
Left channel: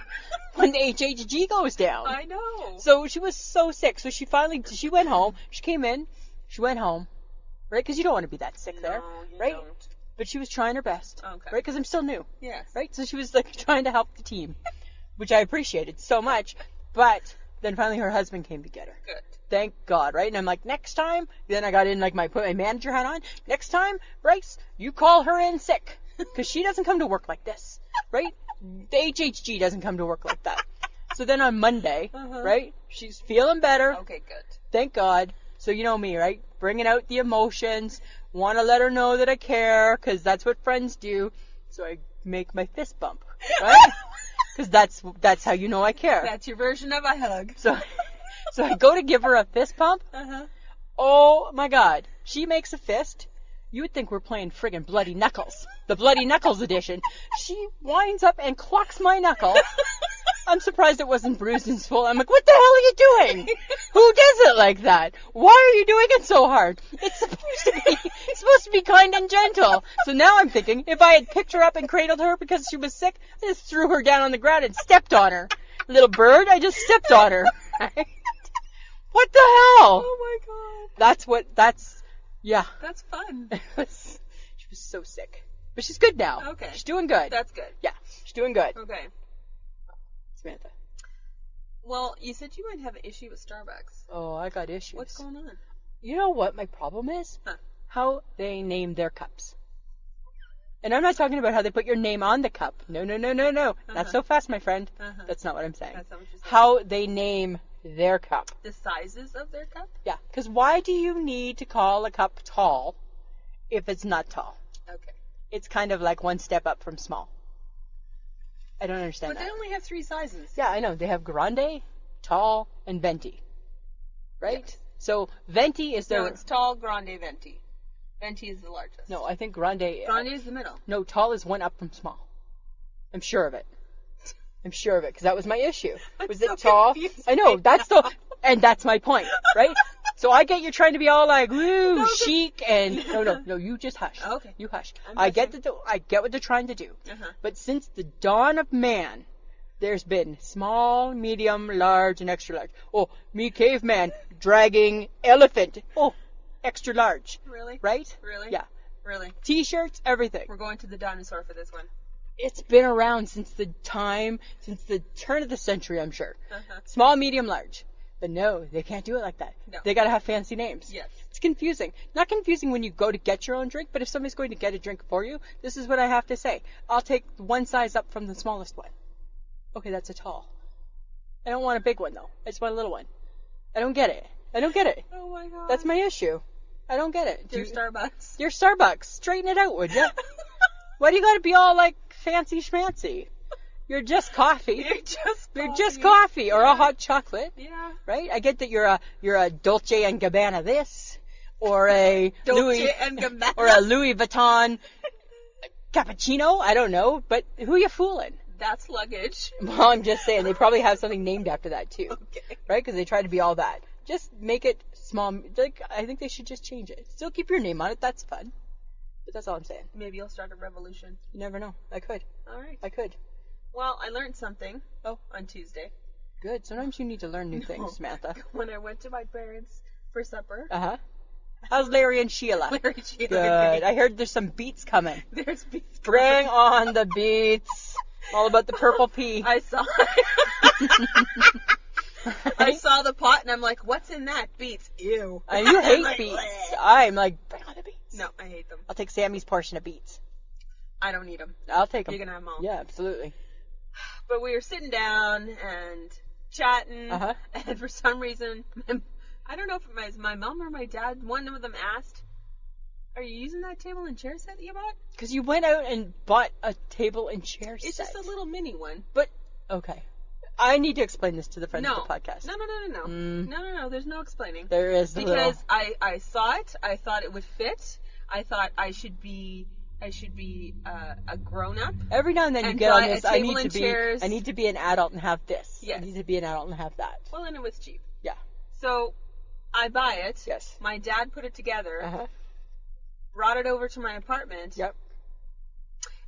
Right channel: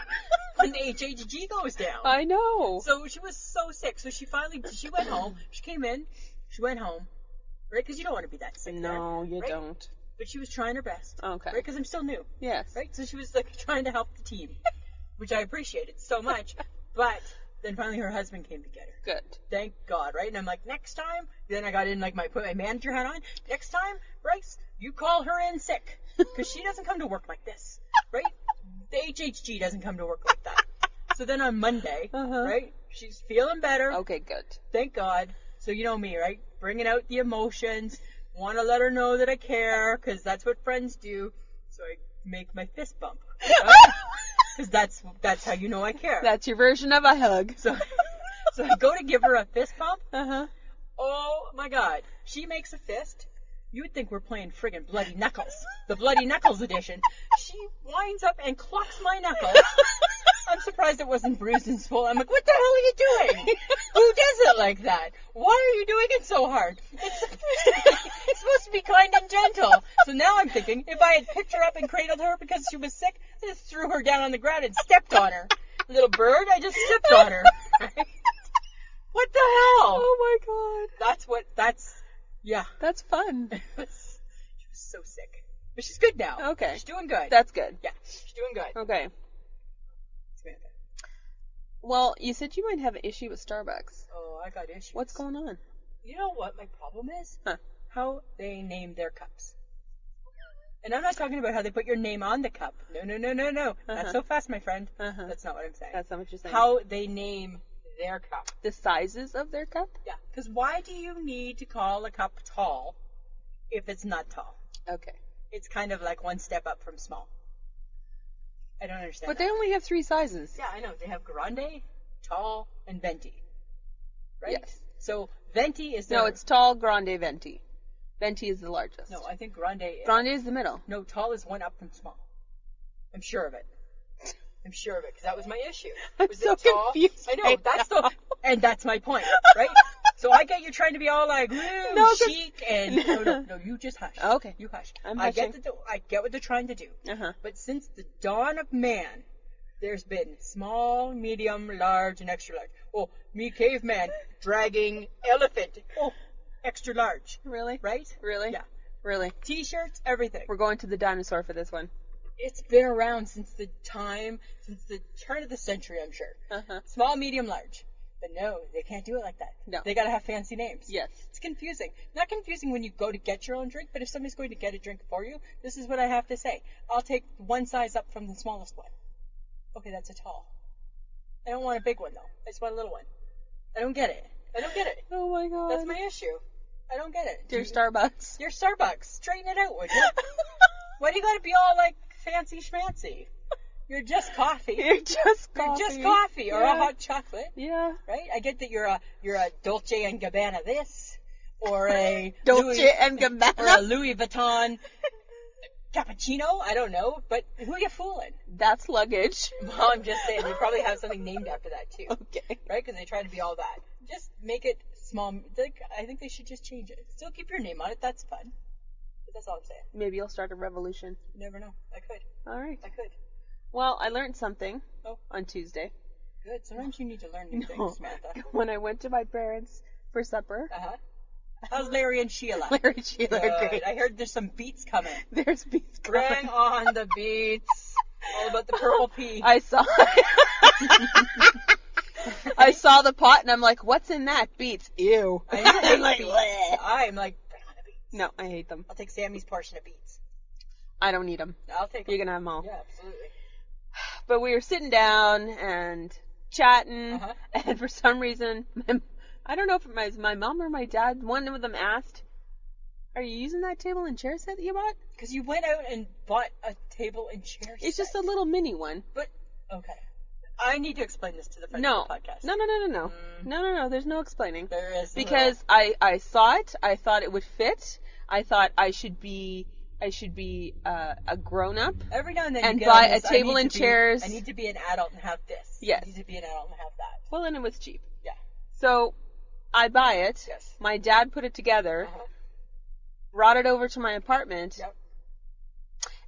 when the HHG goes down. I know. So she was so sick. So she went home. She came in. She went home. Right? Because you don't want to be that sick there. No, you right? don't. But she was trying her best. Okay. Right? Because I'm still new. Yes. Right? So she was like trying to help the team, which I appreciated so much. But then finally her husband came to get her. Good. Thank God, right? And I'm like, next time, then I got in, like, put my manager hat on. Next time, Bryce, you call her in sick. Because she doesn't come to work like this, right? The HHG doesn't come to work like that. So then on Monday, right, she's feeling better. Okay, good. Thank God. So you know me, right? Bringing out the emotions. Want to let her know that I care, because that's what friends do. So I make my fist bump, right? Because that's how you know I care. That's your version of a hug. So I go to give her a fist pump. Oh my God. She makes a fist. You would think we're playing friggin' Bloody Knuckles. The Bloody Knuckles edition. She winds up and clocks my knuckle. I'm surprised it wasn't bruised and swollen. I'm like, what the hell are you doing? Who does it like that? Why are you doing it so hard? It's supposed to be kind and gentle. So now I'm thinking, if I had picked her up and cradled her because she was sick, I just threw her down on the ground and stepped on her. Little bird, I just stepped on her. Right? What the hell? Oh my god. Yeah. That's fun. She was so sick. But she's good now. Okay. She's doing good. That's good. Yeah. She's doing good. Okay. Samantha. Well, you said you might have an issue with Starbucks. Oh, I got issues. What's going on? You know what my problem is? Huh. How they name their cups. And I'm not talking about how they put your name on the cup. No. Not so fast, my friend. That's not what I'm saying. That's not what you're saying. How they name their cup. The sizes of their cup? Yeah. Because why do you need to call a cup tall if it's not tall? Okay. It's kind of like one step up from small. I don't understand But they only have 3 sizes. Yeah, I know. They have grande, tall, and venti. Right? Yes. So venti is their... No, it's tall, grande, venti. Venti is the largest. No, I think grande... Grande is the middle. No, tall is one up from small. I'm sure of it. Because that was my issue. Was so it tall? confused I know, right that's now. the... And that's my point, right? So I get you're trying to be all like, woo, No, chic, and... No, you just hush. Okay. You hush. I'm I get what they're trying to do. Uh-huh. But since the dawn of man, there's been small, medium, large, and extra large. Oh, me caveman dragging elephant. Oh, extra large. Really? Right? Really? Yeah. Really? T-shirts, everything. We're going to the dinosaur for this one. It's been around since the turn of the century, I'm sure. Uh-huh. Small, medium, large. But no, they can't do it like that. No. They gotta have fancy names. Yes. It's confusing. Not confusing when you go to get your own drink, but if somebody's going to get a drink for you, this is what I have to say. I'll take one size up from the smallest one. Okay, that's a tall. I don't want a big one, though. I just want a little one. I don't get it. Oh my god. That's my issue. I don't get it. Dear Starbucks. Dear Starbucks, straighten it out, would you? Why do you gotta be all, like, fancy schmancy? You're just coffee. You're just coffee or Yeah. a hot chocolate. Yeah. Right? I get that you're a Dolce and Gabbana this, or a Dolce and Gabbana. or a Louis Vuitton cappuccino. I don't know, but who you fooling? That's luggage. Well, I'm just saying they probably have something named after that too. Okay. Right? Because they try to be all that. Just make it small. Like I think they should just change it. Still keep your name on it. That's fun. But that's all I'm saying. Maybe you'll start a revolution. You never know. I could. All right. I could. Well, I learned something. On Tuesday. Good. Sometimes you need to learn new things, Samantha. When I went to my parents for supper. Uh-huh. How's Larry and Sheila? Larry and Sheila are Good. great. I heard there's some beets coming. There's beets Bring on the beets. All about the purple pea. I saw I saw the pot and I'm like, what's in that? Beets. Ew. You hate like, beets. bleh. I'm like, bring on the beets. No, I hate them. I'll take Sammy's portion of beets. I don't need them. I'll take them. You can have them all. Yeah, absolutely. But we were sitting down and chatting, Uh-huh. and for some reason, I don't know if it was my mom or my dad, one of them asked, "Are you using that table and chair set that you bought?" Because you went out and bought a table and chair set. It's just a little mini one. But, okay. I need to explain this to the friends of the podcast. No. No, there's no explaining. There is. Because I saw it, I thought it would fit, I thought I should be a grown-up. Every now and then you and get buy on this, a table and chairs. I need to be an adult and have this. Yes. I need to be an adult and have that. Well, and it was cheap. Yeah. So I buy it. Yes. My dad put it together, Uh-huh. brought it over to my apartment. Yep.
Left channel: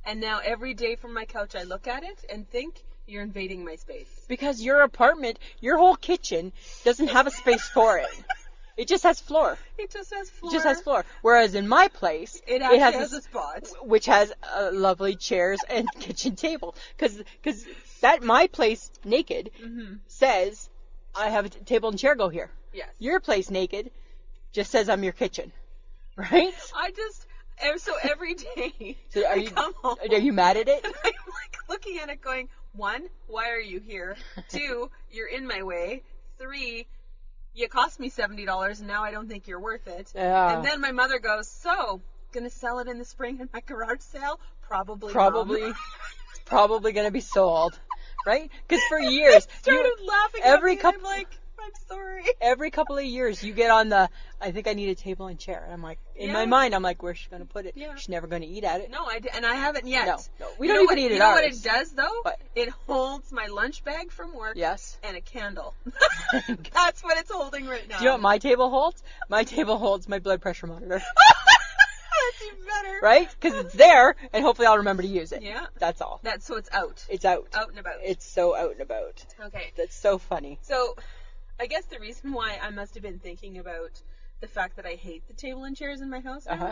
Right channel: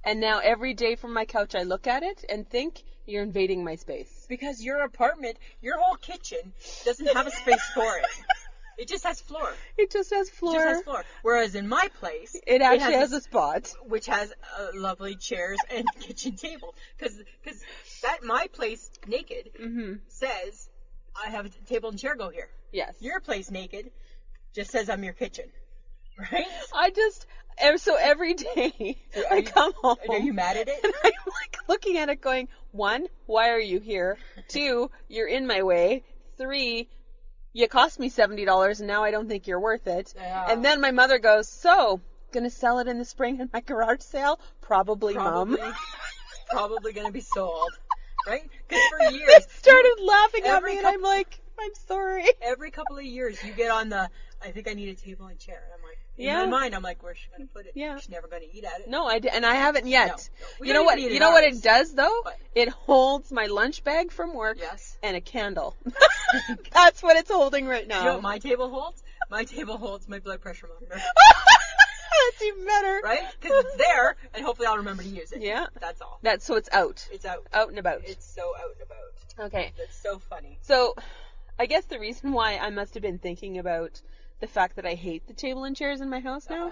And now every day from my couch I look at it and think, you're invading my space. Because your apartment, your whole kitchen doesn't have a space for it. It just has floor. It just has floor. It just has floor. Whereas in my place, It actually has a spot. which has lovely chairs and kitchen table. Because that my place naked says I have a table and chair. Go here. Yes. Your place naked just says I'm your kitchen, right? So every day So I come home. Are you mad at it? And I'm like looking at it going, 1, why are you here? 2, you're in my way. 3, you cost me $70 and now I don't think you're worth it. Yeah. And then my mother goes, so, gonna sell it in the spring in my garage sale? Probably. Probably. Mom. It's probably gonna be sold, right? Because for years, Started laughing at every me and couple- I'm like, I'm sorry. every couple of years you get on the, I think I need a table and chair. And I'm like, in my Yeah. mind, I'm like, where's she gonna put it? Yeah. She's never gonna eat at it. No, and I haven't yet. No. We you don't know even what? eat You at know what ours. it does though? What? It holds my lunch bag from work Yes. and a candle. That's what it's holding right now. Do you know what my table holds? My table holds my blood pressure monitor. That's even better. Right? Because it's there, and hopefully I'll remember to use it. Yeah. That's all. So it's out. It's out. Out and about. It's so out and about. Okay. That's so funny. So, I guess the reason why I must have been thinking about the fact that I hate the table and chairs in my house now, Uh-huh.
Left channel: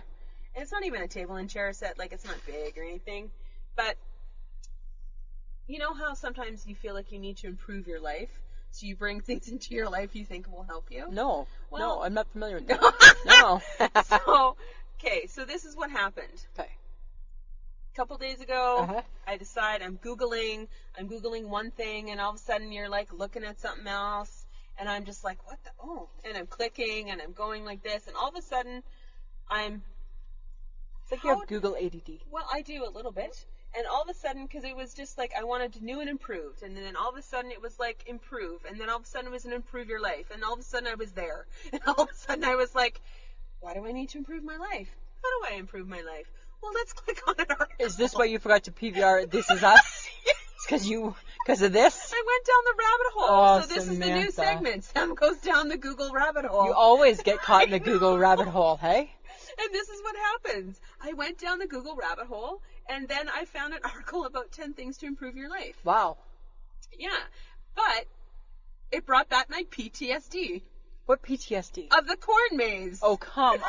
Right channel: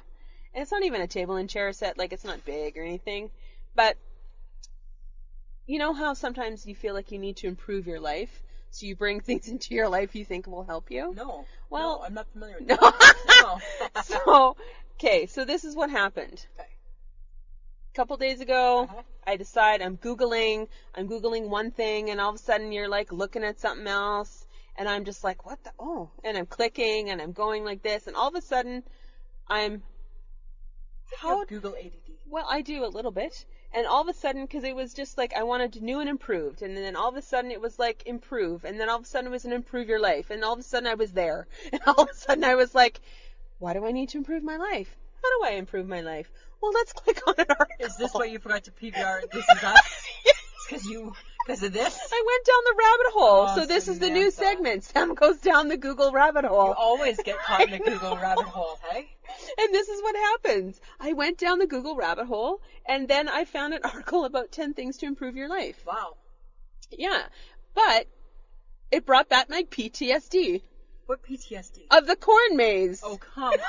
and it's not even a table and chair set, like it's not big or anything, but you know how sometimes you feel like you need to improve your life, so you bring things into your life you think will help you? No. Well- no, I'm not familiar with No. that. No. So this is what happened. Okay. couple days ago, Uh-huh. I decide I'm Googling one thing, and all of a sudden you're like looking at something else, and I'm just like, what the, oh, and I'm clicking, and I'm going like this, and all of a sudden I'm, It's like you have Google ADD. well, I do a little bit, and all of a sudden, because it was just like I wanted new and improved, and then all of a sudden it was like improve, and then all of a sudden it was an improve your life, and all of a sudden I was there, and all of a sudden I was like, why do I need to improve my life? How do I improve my life? Well, let's click on an article. Is this why you forgot to PVR This Is Us? It's because of this? I went down the rabbit hole. Oh, So this is the new Samantha. segment. Sam goes down the Google rabbit hole. You always get caught in the Google rabbit hole, hey? And this is what happens. I went down the Google rabbit hole, and then I found an article about 10 things to improve your life. Wow. Yeah. But it brought back my PTSD What PTSD? of the corn maze. Oh, come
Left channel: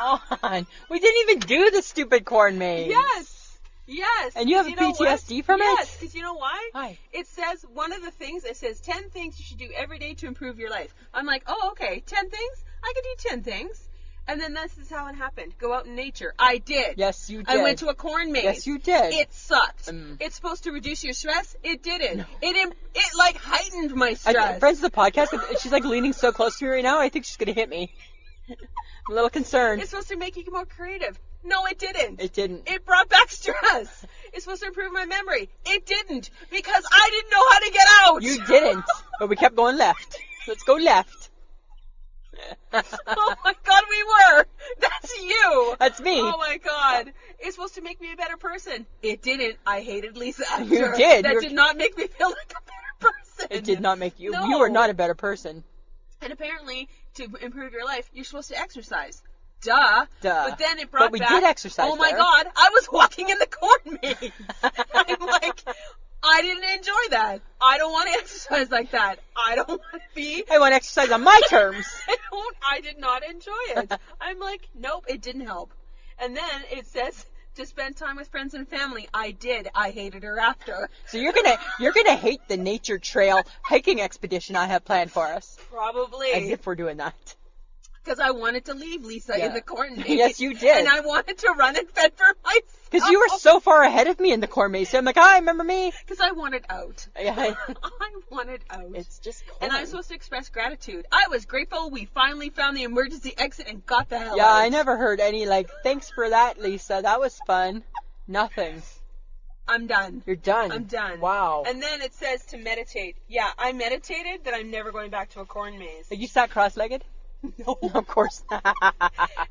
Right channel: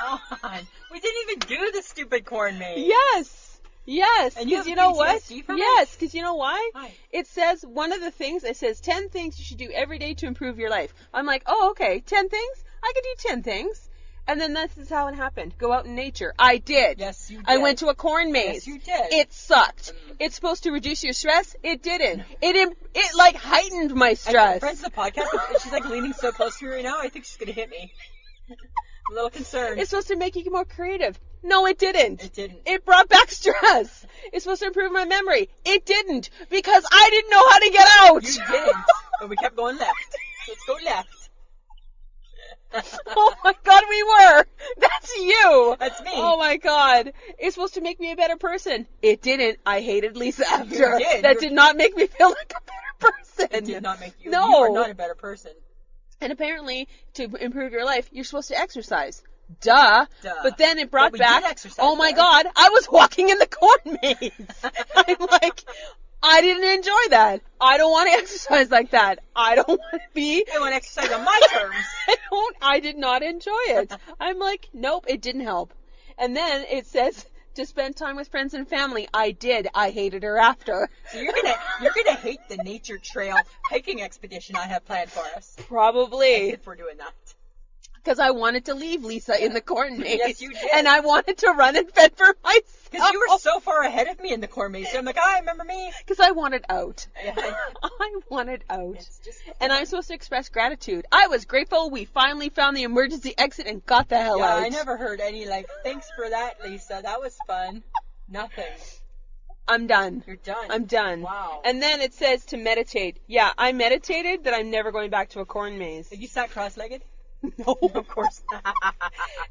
on. We didn't even do the stupid corn maze. Yes. Yes. And you have 'cause a know what? PTSD from it? Yes, because you know why? Why? It says, one of the things, it says 10 things you should do every day to improve your life. I'm like, oh, okay, 10 things? I could do 10 things. And then this is how it happened. Go out in nature. I did. Yes, you did. I went to a corn maze. Yes, you did. It sucked. Mm. It's supposed to reduce your stress. It didn't. It like heightened my stress. Friends of the podcast, she's like leaning so close to me right now, I think she's going to hit me. I'm a little concerned. It's supposed to make you more creative. No, it didn't. It didn't. It brought back stress. It's supposed to improve my memory. It didn't, because I didn't know how to get out. You didn't. But we kept going left. Let's go left. Oh my God, we were. That's you. That's me. Oh my God. It's supposed to make me a better person. It didn't. I hated Lisa after. You did. That did not make me feel like a better person. It did not make you. No. You are not a better person. And apparently, to improve your life, you're supposed to exercise. Duh. Duh. But then it brought But we back. did exercise Oh my there. God, I was walking in the corn maze. I'm like, I didn't enjoy that. I don't want to exercise like that. I don't want to be. I want to exercise on my terms. I did not enjoy it. I'm like, nope, it didn't help. And then it says to spend time with friends and family. I did. I hated her after. So you're gonna hate the nature trail hiking expedition I have planned for us. As Probably. if we're doing that. Because I wanted to leave Lisa in the corn maze. Yes, you did. And I wanted to run and fend for myself. Because you were so far ahead of me in the corn maze. So I'm like, hi, remember me? Because I wanted out. Yeah. I wanted out. It's just corn. And I'm supposed to express gratitude. I was grateful we finally found the emergency exit and got the hell Yeah, out. I never heard any like, thanks for that, Lisa. That was fun. Nothing. I'm done. You're done. I'm done. Wow. And then it says to meditate. Yeah, I meditated that I'm never going back to a corn maze. You sat cross-legged? No. Of course not.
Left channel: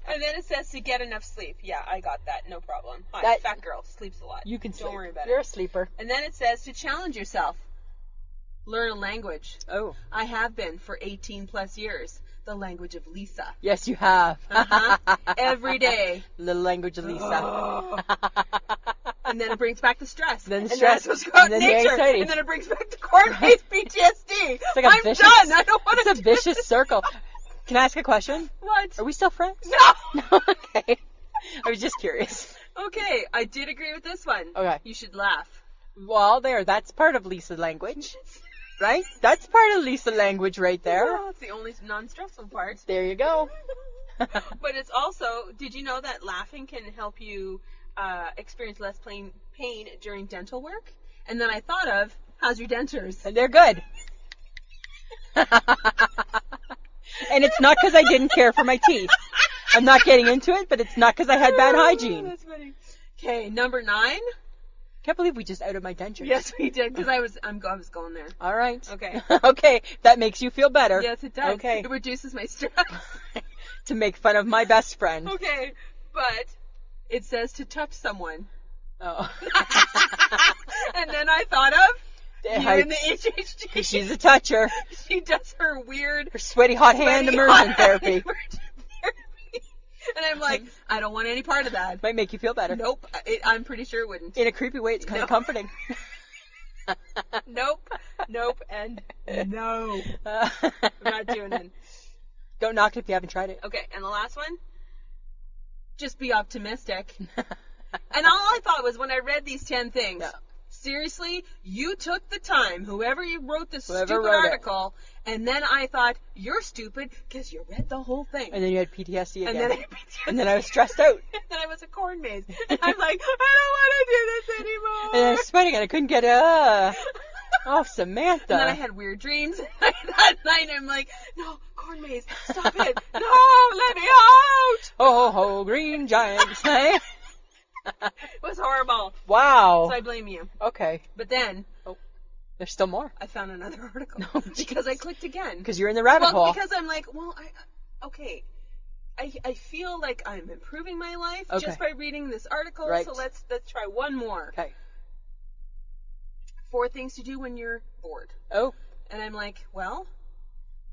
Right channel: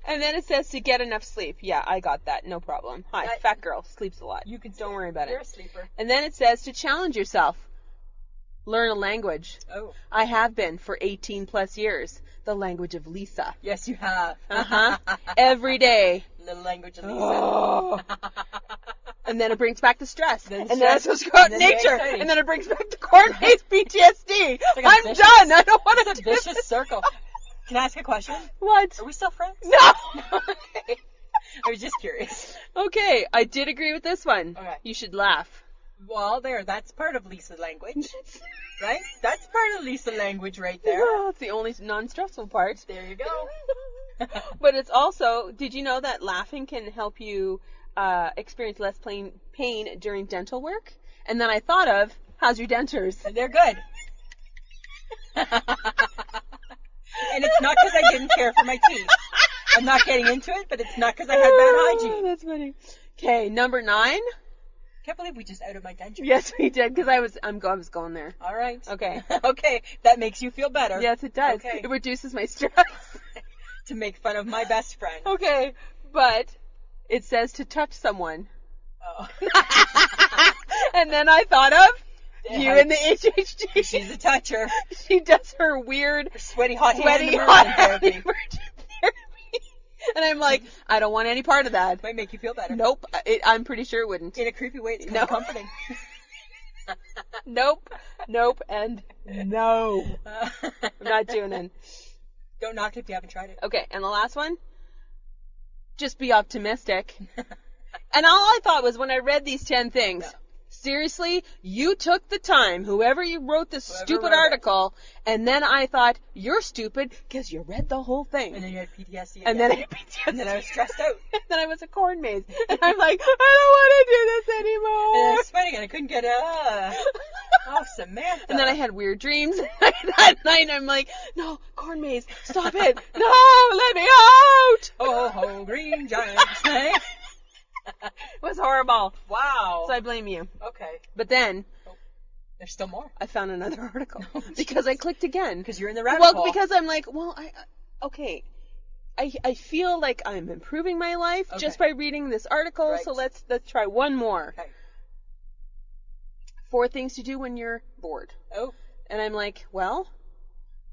And then it says to get enough sleep. Yeah, I got that. No problem. Hi, That- fat girl. Sleeps a lot. You can Don't sleep. worry about You're it. a sleeper. And then it says to challenge yourself. Learn a language. Oh. I have been for 18 plus years. The language of Lisa. Yes, you have. Uh-huh. Every day. Little language of Lisa. Oh. And then it brings back the stress. Then and stress. then it's supposed to go out in And then nature. anxiety. And then it brings back the corn maze PTSD. like a I'm vicious- done. I don't want to It's a vicious circle. Can I ask a question? What? Are we still friends? No. Okay. I was just curious. Okay, I did agree with this one. Okay. You should laugh. Well, that's part of Lisa language. Right? That's part of Lisa language right there. Well, it's the only non-stressful part. There you go. But it's also, did you know that laughing can help you experience less pain during dental work? And then I thought of, how's your dentures? And they're good. And it's not because I didn't care for my teeth. I'm not getting into it, but it's not because I had bad hygiene. That's funny. Okay, number 9. Can't believe we just outed my dentures. Yes, we did, because I was going there. All right. Okay. Okay, that makes you feel better. Yes, it does. Okay. It reduces my stress. To make fun of my best friend. Okay, but it says to touch someone. Oh. And then I thought of you Hi. in the HHG. She's a toucher. She does her weird Her sweaty hot hand sweaty immersion hot therapy. immersion therapy. And I'm like, I don't want any part of that. Might make you feel better. Nope. I'm pretty sure it wouldn't. In a creepy way, it's kind of No. comforting. Nope. Nope. And no. I'm not doing it. Don't knock it if you haven't tried it. Okay, and the last one? Just be optimistic. And all I thought was when I read these 10 things, No. seriously, you took the time, whoever you wrote this Whoever stupid wrote it. article, and then I thought, you're stupid because you read the whole thing. And then you had PTSD again. And then I had PTSD. And then I was stressed out. And then I was a corn maze. And I'm like, I don't want to do this anymore. And I was sweating and I couldn't get oh, Samantha. And then I had weird dreams that night. I'm like, no, corn maze, stop it. No, let me out. Ho, ho, green giants. It was horrible. Wow. So I blame you. Okay. But then There's still more. I found another article because I clicked again. Because you're in the rabbit hole. Well, because I'm like, I feel like I'm improving my life just by reading this article. Right. So let's try one more. Okay. 4 things to do when you're bored. Oh. And I'm like, well,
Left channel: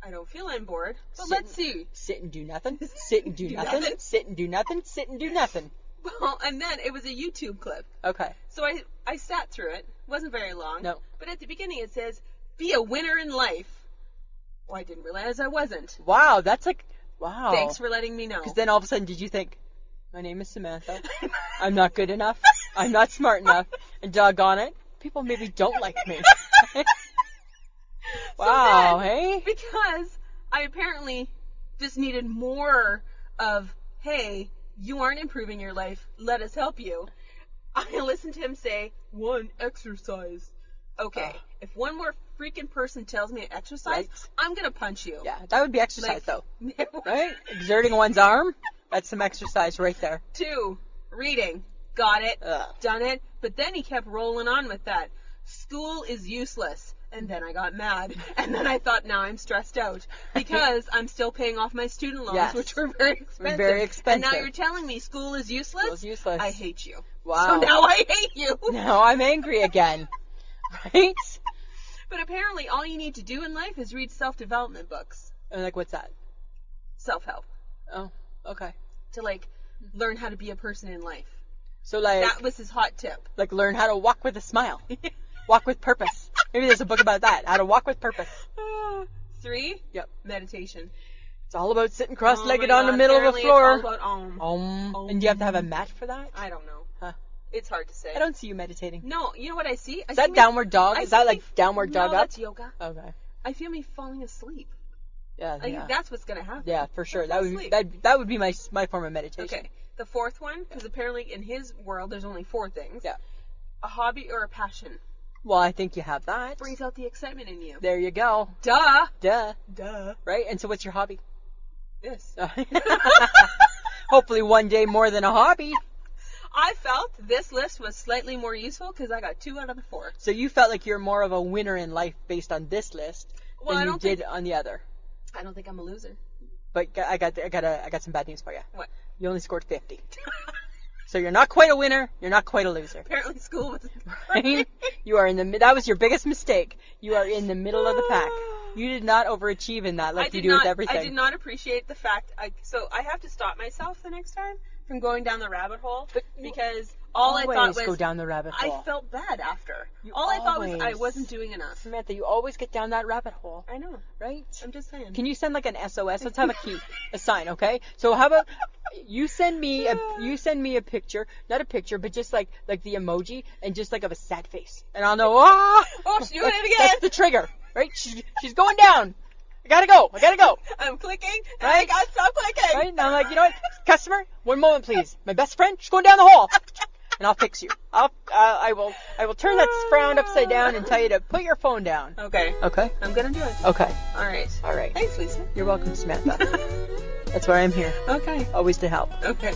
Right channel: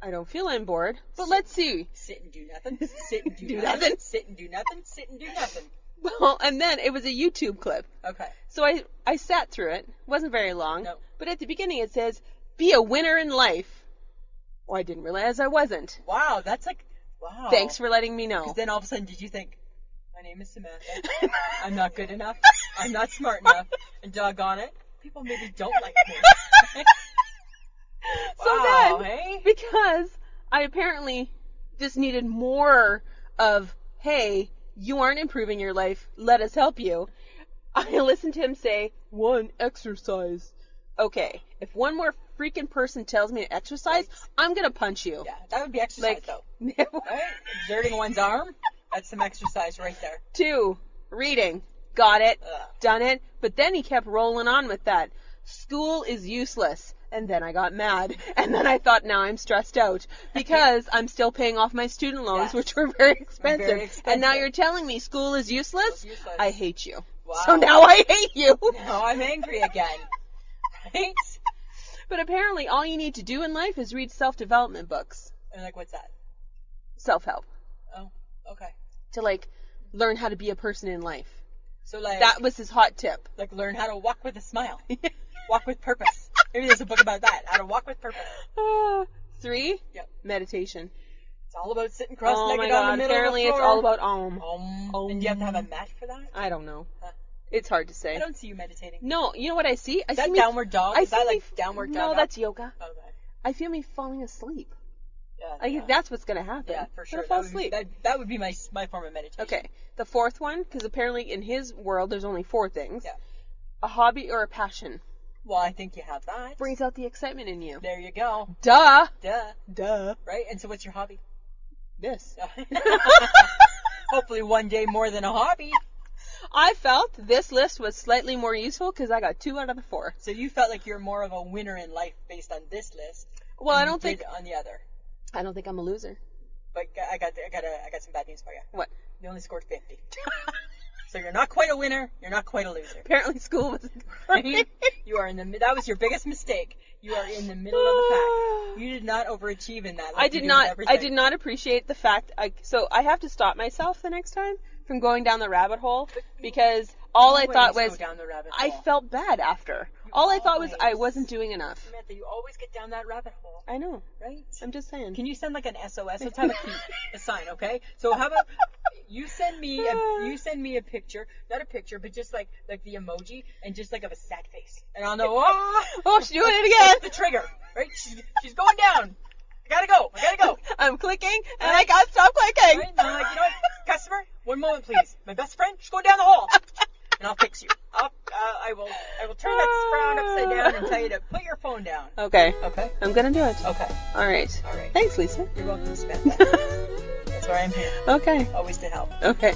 I don't feel I'm bored, but Sit let's see. Sit and do nothing. Sit and do, Do nothing. nothing. Sit and do nothing. Sit and do nothing. Well, and then it was a YouTube clip. Okay. So I sat through it. Wasn't very long. No. But at the beginning it says, be a winner in life. Well, I didn't realize I wasn't. Wow, that's like, wow. Thanks for letting me know. Because then all of a sudden, did you think, my name is Samantha. I'm not good enough. I'm not smart enough. And doggone it, people maybe don't like me. Wow, then, hey? Because I apparently just needed more of, hey, you aren't improving your life. Let us help you. I listened to him say, 1, exercise. Okay, if one more freaking person tells me to exercise, Right. I'm going to punch you. Yeah, that would be exercise, Like, though. Right? Exerting one's arm, that's some exercise right there. 2, reading. Got it. Ugh. Done it. But then he kept rolling on with that. School is useless. And then I got mad. And then I thought, now I'm stressed out. Because I'm still paying off my student loans, Yes. which were very expensive. Very expensive. And now you're telling me school is useless? School's useless. I hate you. Wow. So now I hate you. Now I'm angry again. Right? But apparently all you need to do in life is read self-development books. And like, what's that? Self-help. Oh, okay. To, like, learn how to be a person in life. So, like, That was his hot tip. like learn how to walk with a smile. Walk with purpose. Maybe there's a book about that. How to walk with purpose. 3, Yep. meditation. It's all about sitting Oh cross-legged my on the God, middle of the apparently floor. It's all about om. And do you have to have a mat for that? I don't know. Huh. It's hard to say. I don't see you meditating. No, you know what I see? I Is that see me- downward dog? I Is that see like me- downward dog No, up? that's yoga. Okay. I feel me falling asleep. Yeah. Like, Yeah. that's what's gonna happen. Yeah, for sure. I'll That fall would be asleep. that would be my form of meditation. Okay. The 4th one, because apparently in his world there's only 4 things. Yeah. A hobby or a passion Well, I think you have that. brings out the excitement in you. There you go. Duh. Duh. Right? And so what's your hobby? This. Hopefully one day more than a hobby. I felt this list was slightly more useful because I got 2 out of the 4. So you felt like you're more of a winner in life based on this list Well, than I you don't did think on the other. I don't think I'm a loser. But I got some bad news for you. What? You only scored 50. So you're not quite a winner. You're not quite a loser. Apparently school was Right? You are that was your biggest mistake. You are in the middle of the pack. You did not overachieve in that. Like you do with everything. I did not appreciate the fact. So I have to stop myself the next time from going down the rabbit hole because all I thought Always was go down the rabbit hole. I felt bad after. You All I thought was I always- wasn't doing enough. Samantha, you always get down that rabbit hole, I know. right? I'm just saying. Can you send like an SOS? Let's have a sign, okay? So how about you send me a picture, not a picture, but just like the emoji and just like of a sad face, and I'll know. Oh, she's doing it again. That's the trigger, right? She's going down. I gotta go. I'm clicking and Right? I gotta stop clicking. Right? And I'm like, you know what, customer, one moment, please. My best friend, she's going down the hall, and I'll fix you. I will turn that frown upside down and tell you to put your phone down. Okay. Okay. I'm gonna do it. Okay. All right. All right. Thanks, Lisa. You're welcome, Samantha. That's why I'm here. Okay. Always to help. Okay.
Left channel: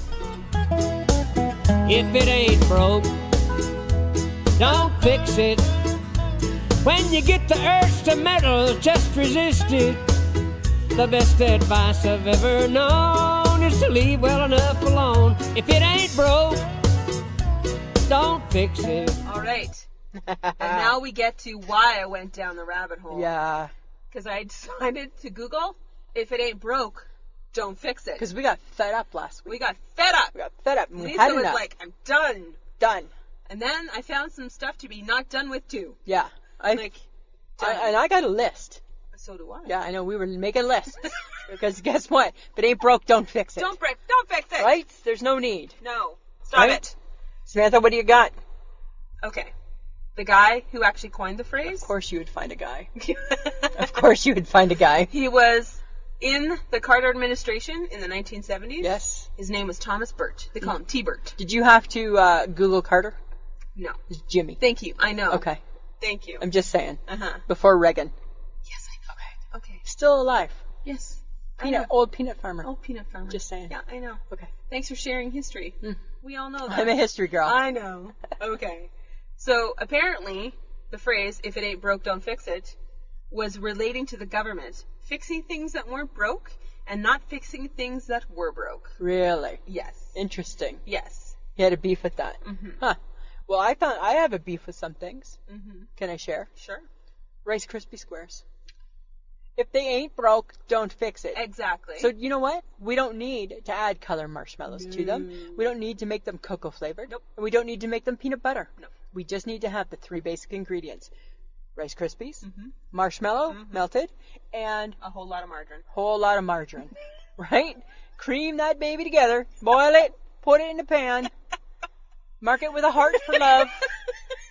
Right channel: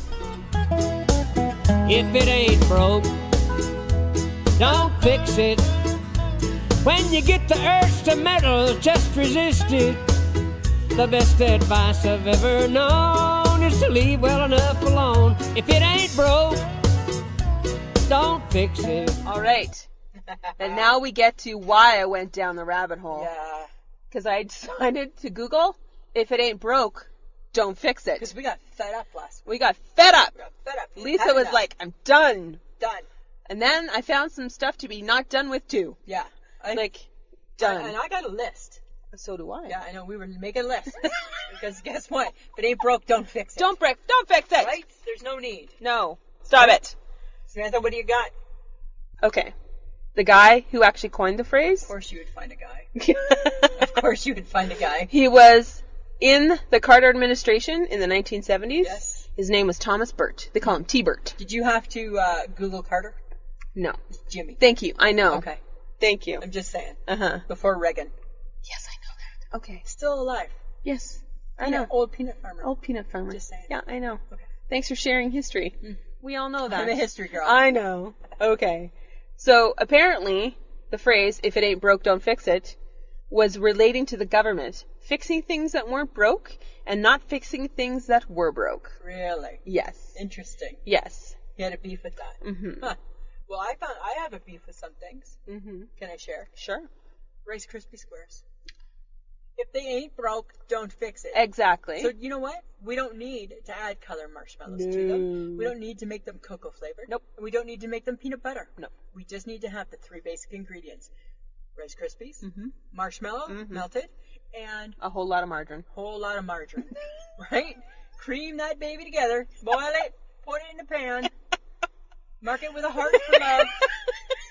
If it ain't broke, don't fix it. When you get the urge to meddle, just resist it. The best advice I've ever known is to leave well enough alone. If it ain't broke, don't fix it. All right. And now we get to why I went down the rabbit hole. Yeah. Because I decided to Google, if it ain't broke, don't fix it. Because we got fed up last week. We got fed up. We got fed up. and we Lisa had was enough. like, I'm done. done. And then I found some stuff to be not done with too. Yeah. Done. And I got a list. So do I. Yeah, I know. We were making lists. Because guess what? If it ain't broke, don't fix it. Don't fix it. Right? There's no need. No. Stop Right? it. Samantha, what do you got? Okay. The guy who actually coined the phrase. Of course you would find a guy. Of course you would find a guy. He was in the Carter administration in the 1970s. Yes. His name was Thomas Burt. They call him T-Burt. Did you have to Google Carter? No. It's Jimmy. Thank you. I know. Okay. Thank you. I'm just saying. Uh-huh. Before Reagan. Yes, I know. Okay. Still alive. Yes. I know. Old peanut farmer. Old peanut farmer. Just saying. Yeah, I know. Okay. Thanks for sharing history. We all know that. I'm a history girl. I know. Okay. So apparently, the phrase, if it ain't broke, don't fix it, was relating to the government fixing things that weren't broke and not fixing things that were broke. Really? Yes. Interesting. Yes. You had a beef with that. Mm-hmm. Huh. Well, I have a beef with some things. Mm-hmm. Can I share? Sure. Rice Krispie Squares. If they ain't broke, don't fix it. Exactly. So you know what? We don't need to add color marshmallows to them. We don't need to make them cocoa flavored. Nope. And we don't need to make them peanut butter. No. We just need to have the 3 basic ingredients. Rice Krispies, Mm-hmm. marshmallow, melted, and a whole lot of margarine. whole lot of margarine. Right? Cream that baby together, boil it, put it in the pan, mark it with a heart for love,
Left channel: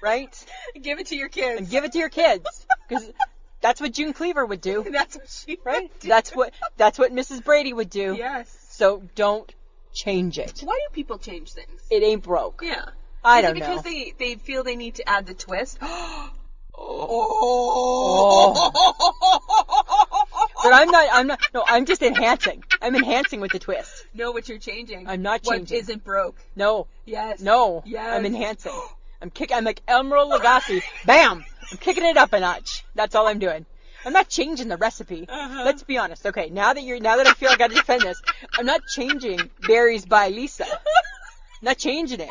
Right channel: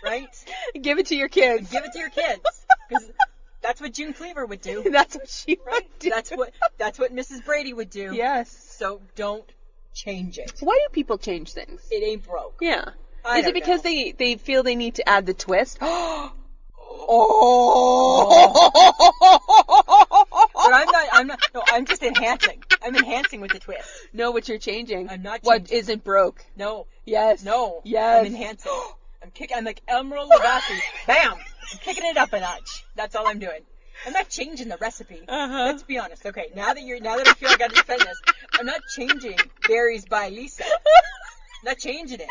right? Give it to your kids. And give it to your kids. Because that's what June Cleaver would do. That's what she Right? would do. That's what Mrs. Brady would do. Yes. So don't change it. Why do people change things? It ain't broke. Yeah. I Is don't it because know. they feel they need to add the twist? But I'm just enhancing. I'm enhancing with the twist. Know what you're changing. I'm not What changing. isn't broke. No. Yes. No. Yes. I'm enhancing. I'm like Emerald Lagasse. Bam! I'm kicking it up a notch. That's all I'm doing. I'm not changing the recipe. Uh-huh. Let's be honest. Okay, now that I feel like I gotta defend this, I'm not changing Berries by Lisa. I'm not changing it.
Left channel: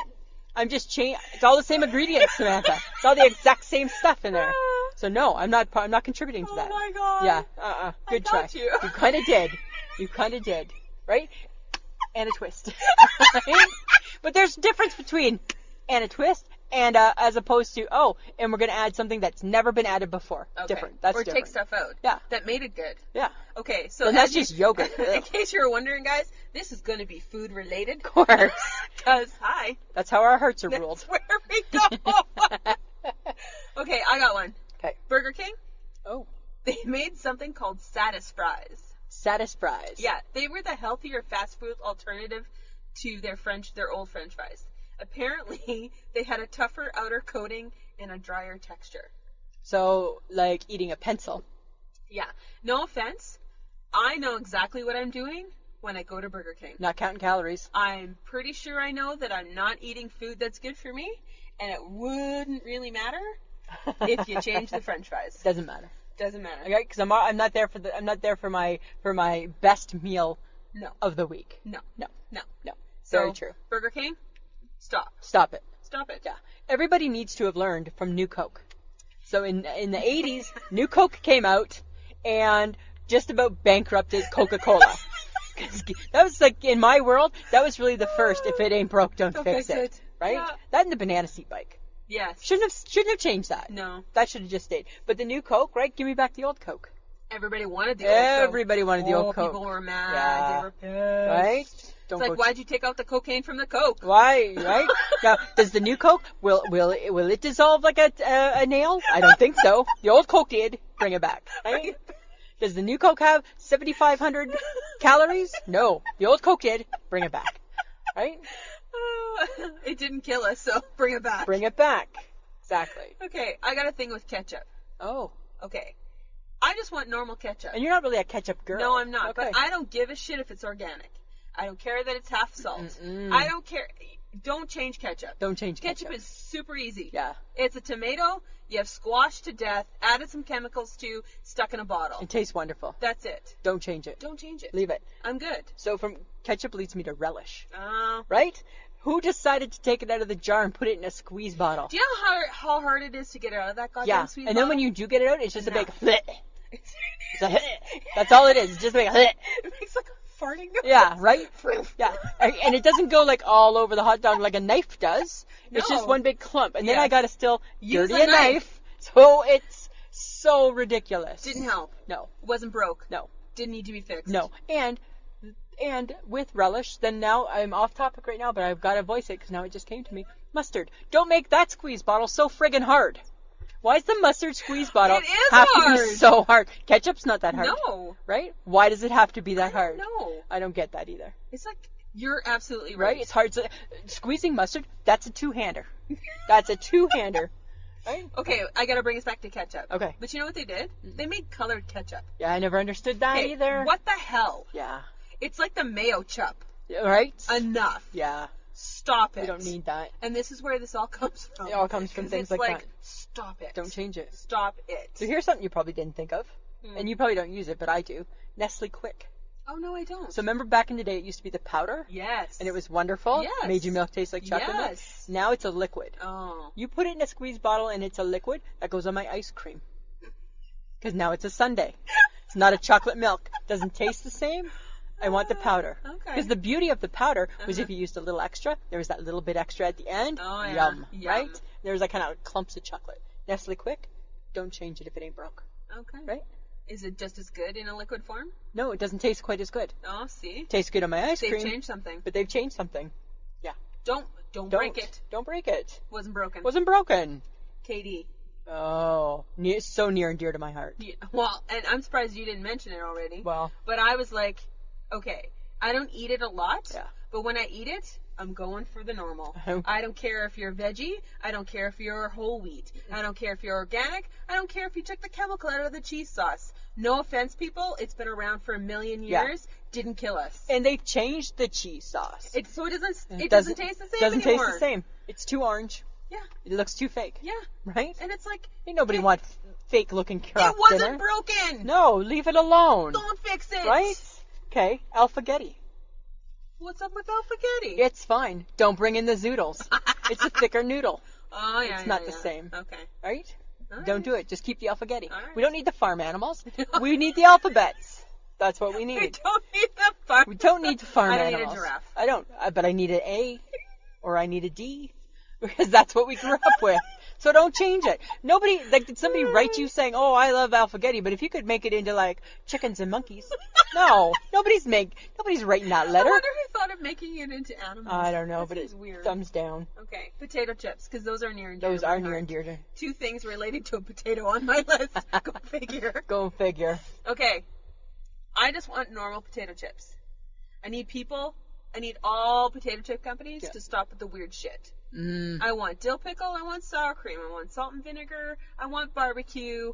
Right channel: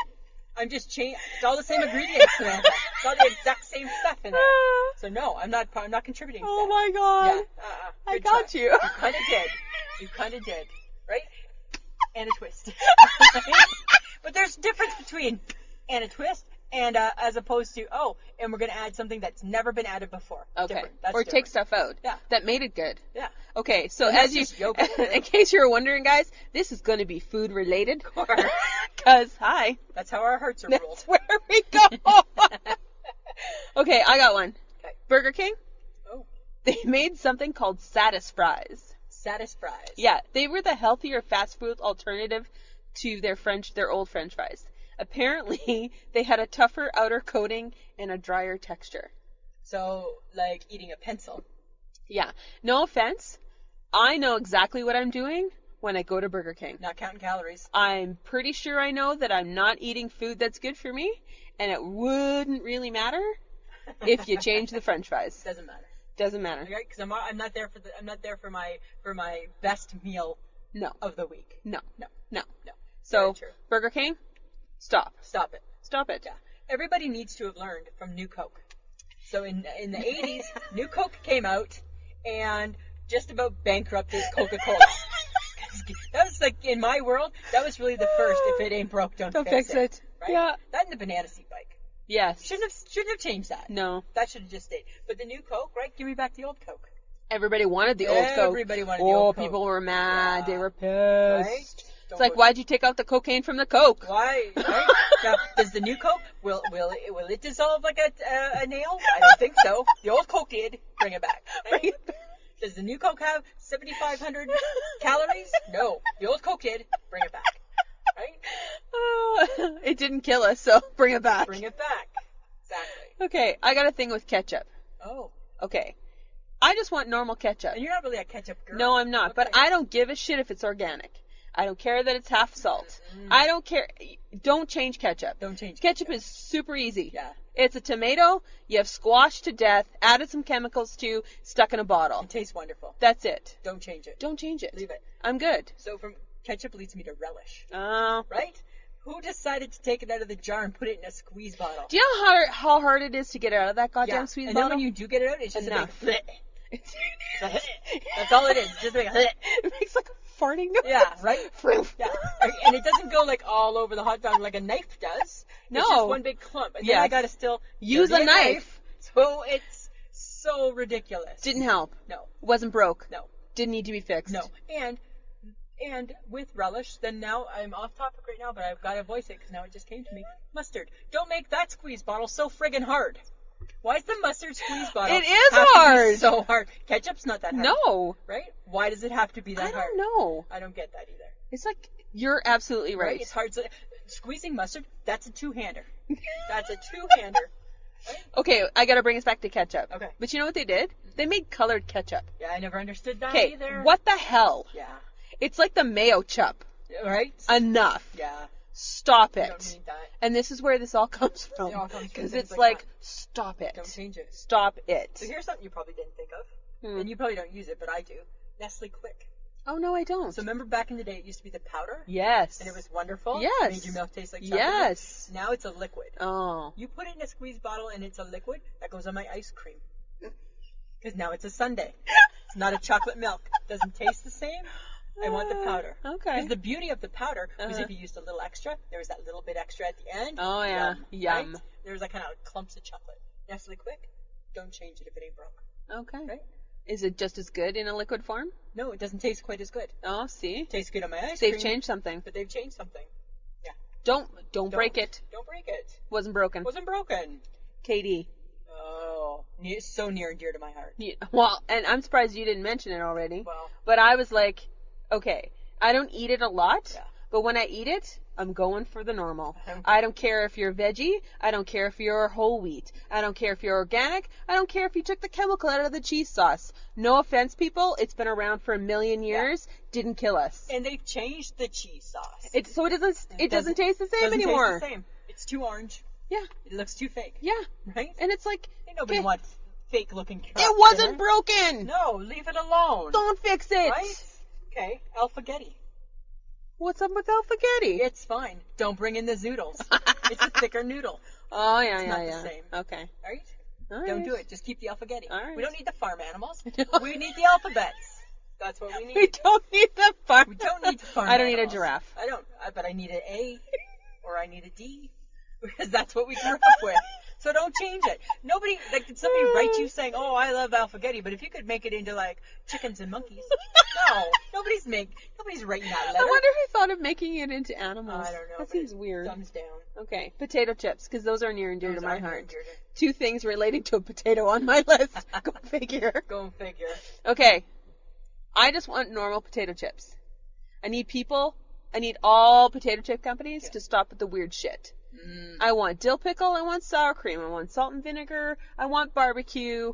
I'm just it's all the same ingredients, Samantha. It's all the exact same stuff in there. So no, I'm not contributing to that. Oh my god. Yeah. I Good got try. you. You kind of did. Right? And a twist. But there's a difference between and a twist and as opposed to, and we're going to add something that's never been added before. Okay. Different. That's or different. take stuff out. Yeah. That made it good. Yeah. Okay, so And that's just yogurt. in case you're wondering, guys, this is going to be food related, of course. Because, That's how our hearts are ruled. that's where we go. Okay, I got one. Okay. Burger King, Oh. they made something called Satis Fries. Satis Fries. Yeah, they were the healthier fast food alternative to their old French fries. Apparently, they had a tougher outer coating and a drier texture. So, like eating a pencil. Yeah, no offense. I know exactly what I'm doing when I go to Burger King. Not counting calories. I'm pretty sure I know that I'm not eating food that's good for me, and it wouldn't really matter if you change the French fries. Doesn't matter. Doesn't matter. Okay? Because I'm not there for my best meal No. of the week. No. No. No. So, So, very true. Burger King, stop. Stop it. Stop it. Yeah. Everybody needs to have learned from New Coke. So in the 80s, New Coke came out and just about bankrupted Coca-Cola. 'Cause that was like, in my world, that was really the first, if it ain't broke, don't fix it. Right? Yeah. That and the banana seat bike. Yes. Shouldn't have changed that. No. That should have just stayed. But the new Coke, right? Give me back the old Coke. Everybody wanted the old Coke. Everybody wanted the old Coke. People were mad. Yeah. They were pissed. Right? It's like, why'd you take out the cocaine from the Coke? Why? Right? Now, does the new Coke, will it dissolve like a nail? I don't think so. The old Coke did. Bring it back. Right? Does the new Coke have 7,500 calories? No. The old Coke did. Bring it back. Right? It didn't kill us, so bring it back. Bring it back. Exactly. Okay, I got a thing with ketchup. Oh. Okay. I just want normal ketchup. And you're not really a ketchup girl. No, I'm not. Okay. But I don't give a shit if it's organic. I don't care that it's half salt. Mm-mm. I don't care. Don't change ketchup. Don't change Ketchup is super easy. Yeah. It's a tomato you have squashed to death, added some chemicals to, stuck in a bottle. It tastes wonderful. That's it. Don't change it. Don't change it. Leave it. I'm good. So from ketchup leads me to relish. Oh. Right? Who decided to take it out of the jar and put it in a squeeze bottle? Do you know how hard it is to get it out of that goddamn squeeze and bottle? then when you do get it out, it's just Enough. a big It's a That's all it is. It's just a big it makes like a farting noise. Yeah, right? Yeah. And it doesn't go like all over the hot dog like a knife does. It's No. just one big clump. And then Yes. I gotta still Use dirty a knife. So it's so ridiculous. Didn't help. No. Wasn't broke. No. Didn't need to be fixed. No. And with relish, then now I'm off topic right now, but I've got to voice it because now it just came to me. Mustard. Don't make that squeeze bottle so friggin' hard. Why is the mustard squeeze bottle It is have to hard. be so hard? Ketchup's not that hard. No. Right? Why does it have to be that hard? No. I don't get that either. It's like, you're absolutely right. It's hard. Squeezing mustard, that's a two-hander. That's a two-hander. Right? Okay, I gotta bring us back to ketchup. Okay. But you know what they did? They made colored ketchup. Yeah, I never understood that Okay, either. what the hell? Yeah. It's like the mayo chup. Right? Enough. Yeah. Stop it. We don't need that. And this is where this all comes from. It all comes from 'Cause things it's like that. stop it. Don't change it. Stop it. So here's something you probably didn't think of. And you probably don't use it, but I do. Nestle Quick. Oh, no, I don't. So remember back in the day it used to be the powder? Yes. And it was wonderful? Yes. Made your milk taste like chocolate milk? Yes. Now it's a liquid. Oh. You put it in a squeeze bottle and it's a liquid, that goes on my ice cream. Because now it's a sundae. It's not a chocolate milk. Doesn't taste the same. I want the powder. Okay. Because the beauty of the powder was if you used a little extra, there was that little bit extra at the end. Oh, yeah. Yum. Right? There was that kind of clumps of chocolate. Nestle Quick, don't change it if it ain't broke. Okay. Right? Is it just as good in a liquid form? No, it doesn't taste quite as good. Oh, see? Tastes good on my ice cream. They've changed something. But they've changed something. Don't break it. Don't break it. Wasn't broken. Wasn't broken. KD. Oh, so near and dear to my heart. Yeah, well, and I'm surprised you didn't mention it already. Well. But I was like, okay, I don't eat it a lot. Yeah. But when I eat it, I'm going for the normal. I don't care if you're veggie. I don't care if you're whole wheat. I don't care if you're organic. I don't care if you took the chemical out of the cheese sauce. No offense, people. It's been around for a million years. Didn't kill us. And they've changed the cheese sauce. It doesn't taste the same anymore. Doesn't taste the same. It's too orange. Yeah. It looks too fake. Yeah. Right? And it's like, Ain't nobody wants fake looking crap. it wasn't dinner. broken. No, leave it alone. Don't fix it. Right? Okay, alphagetti. What's up with alphagetti? It's fine. Don't bring in the zoodles. It's a thicker noodle. Oh, yeah, It's not the same. Okay. Right? All Don't right. do it. Just keep the alphagetti. All right. We don't need the farm animals. We need the alphabets. That's what we need. We don't need the farm. We don't need to farm I don't need a animals. giraffe. I don't. But I need an A or I need a D because that's what we grew up with. So don't change it. Nobody, like, did somebody write you saying, oh, I love alphagetti, but if you could make it into, like, chickens and monkeys. No. Nobody's writing that letter. I wonder who thought of making it into animals. I don't know, That but seems it's weird. thumbs down. Okay, potato chips, because those are near and dear Those to my are near heart. and dear to. 2 things relating to a potato on my list. Go figure. Go figure. Okay, I just want normal potato chips. I need all potato chip companies to stop with the weird shit. I want dill pickle, I want sour cream, I want salt and vinegar, I want barbecue.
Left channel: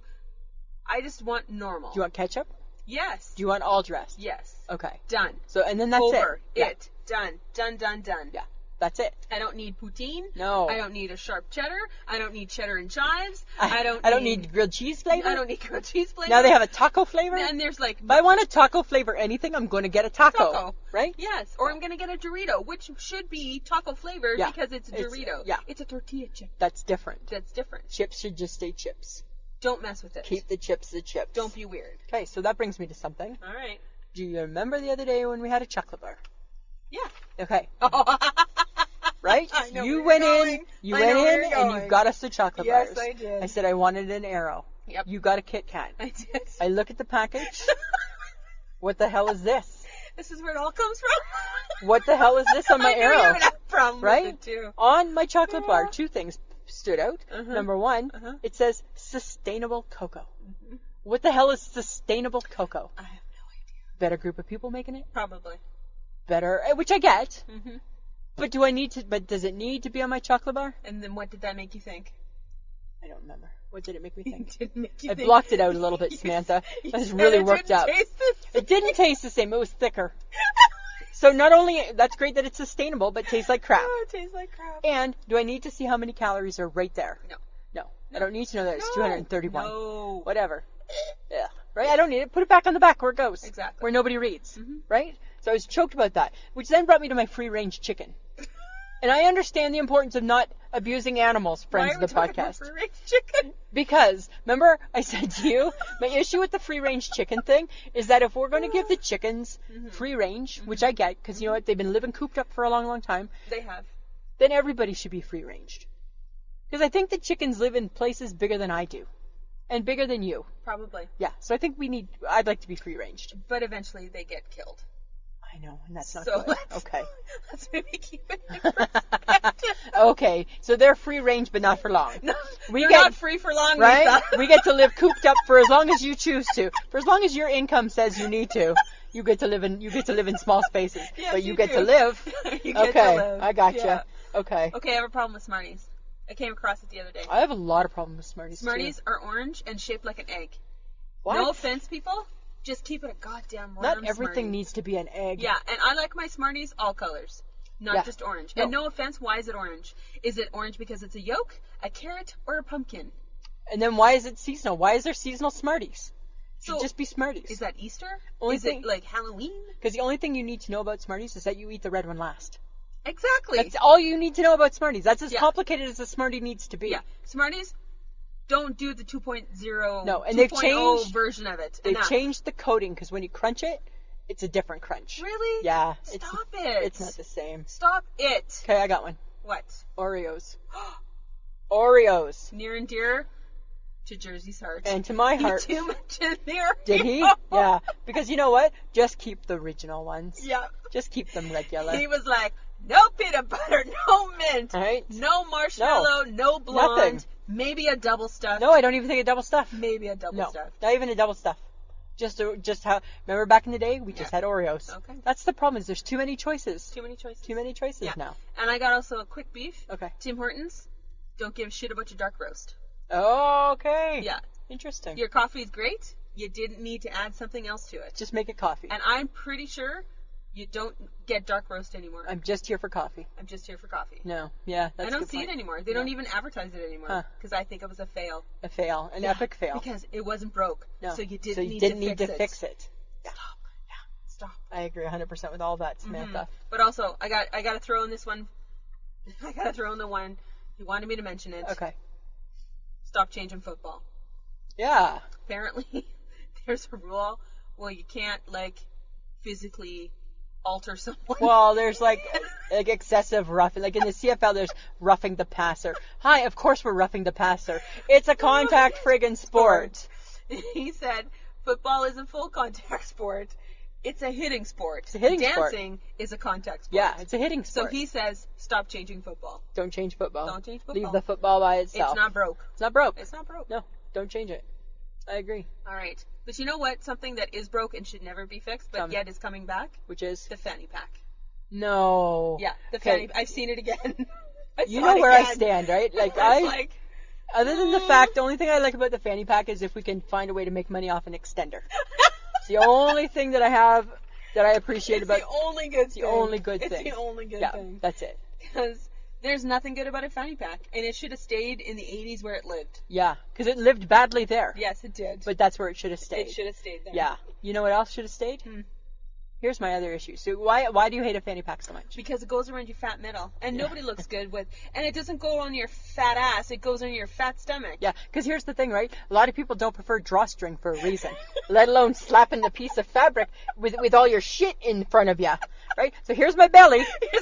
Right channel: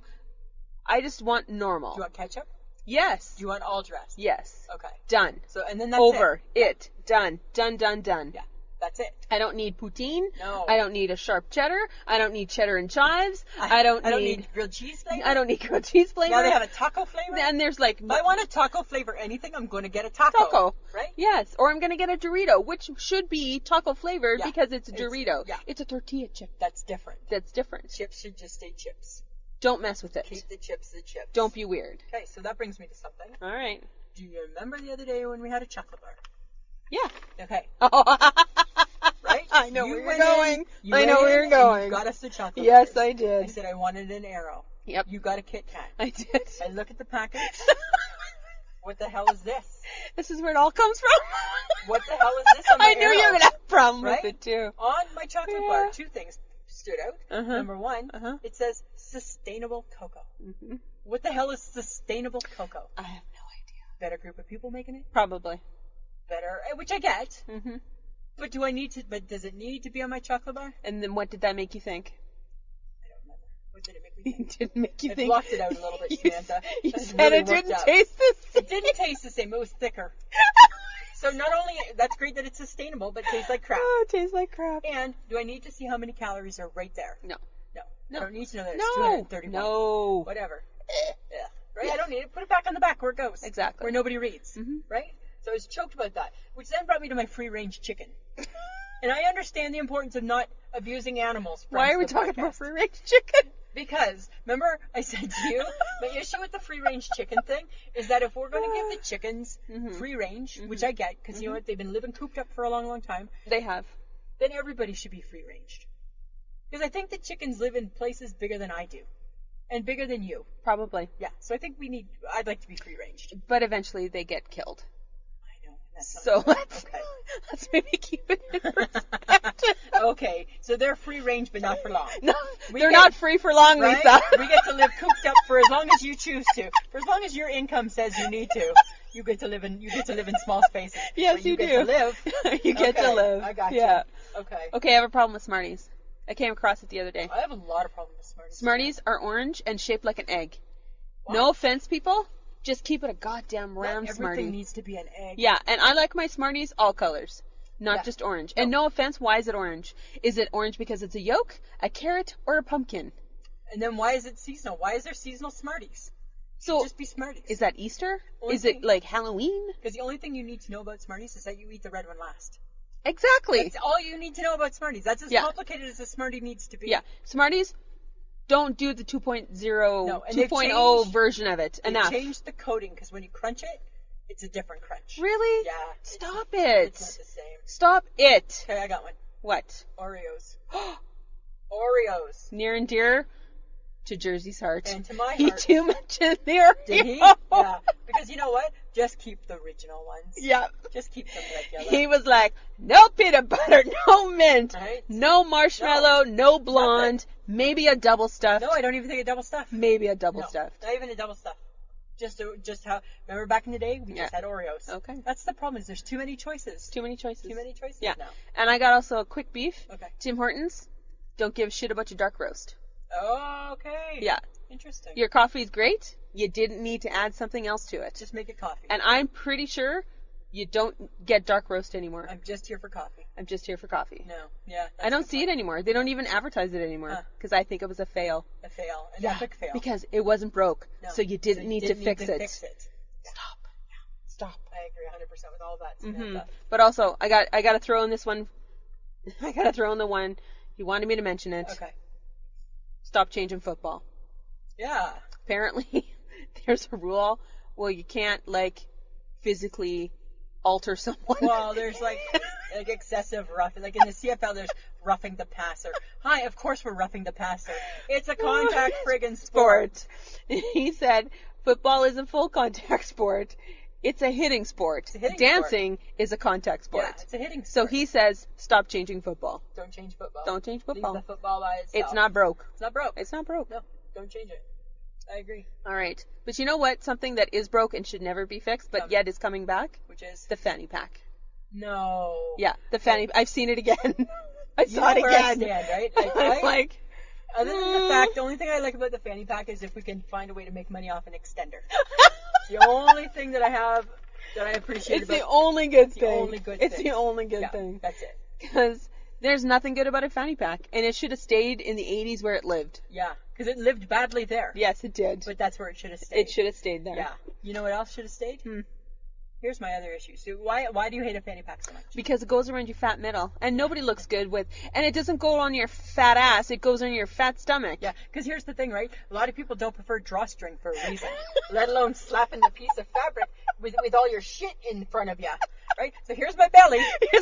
I just want normal. Do you want ketchup? Yes. Do you want all dressed? Yes. Okay. Done. So, and then that's Over. it. It. Done. Done, done, done. Yeah. That's it. I don't need poutine. No. I don't need a sharp cheddar. I don't need cheddar and chives. I don't need grilled cheese flavor. I don't need grilled cheese flavor. Now they have a taco flavor. And there's like, If I want a taco flavor anything, I'm going to get a taco. Right? Yes. Or I'm going to get a Dorito, which should be taco flavored because it's a Dorito. It's a tortilla chip. That's different. That's different. Chips should just stay chips. Don't mess with it. Keep the chips the chips. Don't be weird. Okay, so that brings me to something. All right. Do you remember the other day when we had a chocolate bar? Yeah. Okay. Right? I know you where went you're going. in. You I went know where in you're and going. you got us the chocolate Yes, bars. I did. I said I wanted an arrow. Yep. You got a Kit Kat. I did. I look at the package. What the hell is this? This is where it all comes from. What the hell is this on my I knew arrow? you were going to have a problem Right? with it too. On my chocolate bar, 2 things stood out. Number 1, it says sustainable cocoa. What the hell is sustainable cocoa? I have no idea. Better group of people making it? Probably. Better, which I get. But does it need to be on my chocolate bar? And then what did that make you think? I don't remember. What did it make me think? It didn't make you I think. blocked it out a little bit, Samantha. You This is said really it worked didn't up. taste the same. It didn't taste the same. It was thicker. So not only, that's great that it's sustainable, but tastes like crap. Oh, it tastes like crap. And do I need to see how many calories are right there? No. No. I don't need to know that it's No. 231. No. Whatever. Yeah. Right? I don't need it. Put it back on the back where it goes. Exactly. Where nobody reads. Right? So I was choked about that, which then brought me to my free-range chicken. And I understand the importance of not abusing animals, friends Why are we of the talking podcast. about free-range chicken? Because, remember, I said to you, my issue with the free-range chicken thing is that if we're going to give the chickens free range, which I get, because you know what, they've been living cooped up for a long, long time, They have. then everybody should be free-ranged. Because I think the chickens live in places bigger than I do. And bigger than you. Probably. Yeah, so I think I'd like to be free-ranged. But eventually they get killed. I I know, and that's not So good. let's, Okay. let's maybe keep it in perspective. Okay, so they're free range, but not for long. No, We they're get- not free for long, Right? Lisa. We get to live cooped up for as long as you choose to. For as long as your income says you need to. You get to live in small spaces. Yes, but you you get do. to live. You get Okay, to live. I gotcha. Yeah. Okay. Okay, I have a problem with Smarties. I came across it the other day. I have a lot of problems with Smarties. Smarties too. are orange and shaped like an egg. What? No offense, people. Just keep it a goddamn round Not everything Smartie. needs to be an egg. Yeah, and I like my Smarties all colors, not Yeah. just orange. No. And no offense, why is it orange? Is it orange because it's a yolk, a carrot, or a pumpkin? And then why is it seasonal? Why is there seasonal Smarties? So Should just be Smarties. is that Easter? Only Is thing- it like Halloween? Because the only thing you need to know about Smarties is that you eat the red one last. Exactly. That's all you need to know about Smarties. That's as Yeah. complicated as a Smartie needs to be. Yeah, Smarties don't do the 2.0, No, and they've 2.0 changed- version of it. They Enough. changed the coating because when you crunch it, it's a different crunch. Really? Yeah. Stop it. It's not the same. Stop it. Okay, I got one. What? Oreos. Oreos. Near and dear to Jersey's heart. And to my he heart. too mentioned the Oreo. Did he? Yeah. Because you know what? Just keep the original ones. Yeah. Just keep them regular. He was like, no peanut butter, no mint, Right? no marshmallow, no blonde, Nothing. maybe a double stuff. No, I don't even think a double stuff. Maybe a double No, stuff. not even a double stuff. Just how. Remember back in the day, we just Yeah. had Oreos. Okay. That's the problem. Is there's too many choices. Too many choices. Too many choices Yeah. now. And I got also a quick beef. Okay. Tim Hortons, don't give a shit about your dark roast. Oh, okay. Yeah. Interesting. Your coffee's great. You didn't need to add something else to it. Just make it coffee. And I'm pretty sure you don't get dark roast anymore. I'm just here for coffee. I'm just here for coffee. No. Yeah. That's I don't a good see point. it anymore. They don't even advertise it anymore Huh. because I think it was a fail. A fail. An Yeah, epic fail. Because it wasn't broke, No. so you didn't need didn't to fix it. fix it. Yeah. Yeah. Stop. I agree 100% with all that, Samantha. But also, I got to throw in this one. I got to throw in the one. He wanted me to mention it. Okay. Stop changing football. Yeah. Apparently, there's a rule where you can't physically alter someone. Well, there's like excessive roughing. Like in the CFL, there's roughing the passer. Hi, of course we're roughing the passer. It's a contact friggin' sport. He said football is a full contact sport. It's a hitting sport. It's a hitting sport. Dancing is a contact sport. Yeah, it's a hitting So sport. he says, stop changing football. Don't change football. Don't change football. Leave the football by itself. It's not broke. It's not broke. It's not broke. No, don't change it. I agree. All right. But you know what? Something that is broke and should never be fixed, but Tell me. yet is coming back? Which is The fanny pack. no. Yeah, the Okay. fanny. I've seen it again. I You saw know it where I again. stand, right? Like I'm I, like, other than the fact, the only thing I like about the fanny pack is if we can find a way to make money off an extender. It's the only thing that I have that I appreciate it's about. the only good thing. the only good It's thing. the only good Yeah, thing. that's it. Because there's nothing good about a fanny pack, and it should have stayed in the 80s where it lived. Yeah, because it lived badly there. Yes, it did. But that's where it should have stayed. it should have stayed there. Yeah. You know what else should have stayed? Here's my other issue. So why do you hate a fanny pack so much? Because it goes around your fat middle, and nobody looks good with, and it doesn't go on your fat ass, it goes on your fat stomach. Yeah, because here's the thing, right? A lot of people don't prefer drawstring for a reason, let alone slapping the piece of fabric with all your shit in front of you, right? So here's my belly,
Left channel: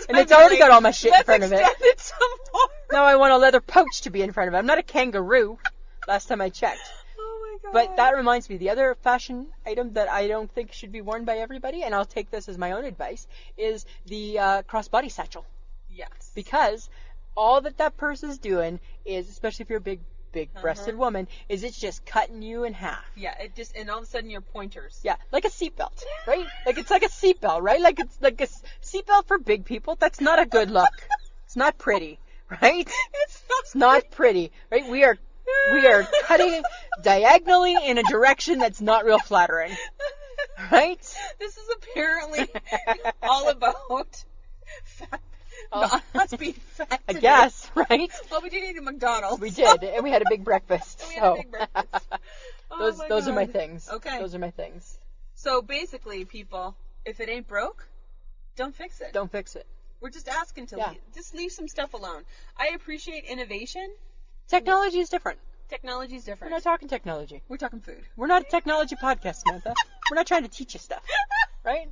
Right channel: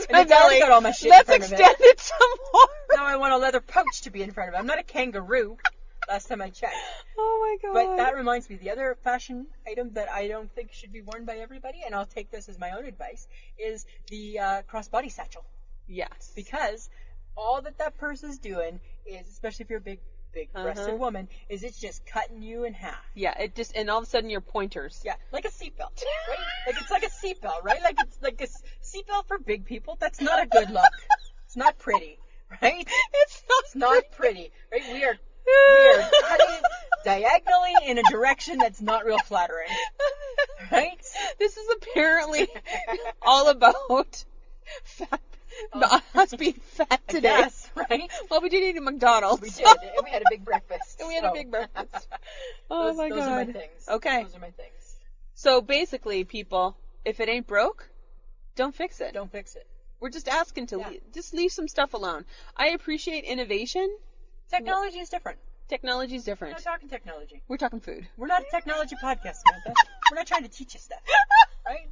and it's already got all my shit in front of it. Let's extend it some more. Now I want a leather pouch to be in front of it. I'm not a kangaroo, last time I checked. Oh my god. But that reminds me, the other fashion item that I don't think should be worn by everybody, and I'll take this as my own advice, is the crossbody satchel. Yes. Because all that purse is doing is, especially if you're a big-breasted woman, is it's just cutting you in half. Yeah, it just, and all of a sudden you're pointers. Yeah, like a seatbelt, right? Like it's like a seatbelt, right? Like it's like a seatbelt for big people. That's not a good look. It's not pretty, right? It's not pretty, right? We are cutting diagonally in a direction that's not real flattering, right? This is apparently all about fat. Us being fat I today. guess, right? Well, we did eat at McDonald's. We did, and we had a big breakfast. We had a big breakfast. Oh my those are my God. things. Okay. Those are my things. So basically, people, if it ain't broke, don't fix it. Don't fix it. We're just asking to Yeah. just leave some stuff alone. I appreciate innovation. Technology is different. Technology's We're different. not talking technology. We're talking food. We're not a technology podcast, Samantha. We're not trying to teach you stuff, right?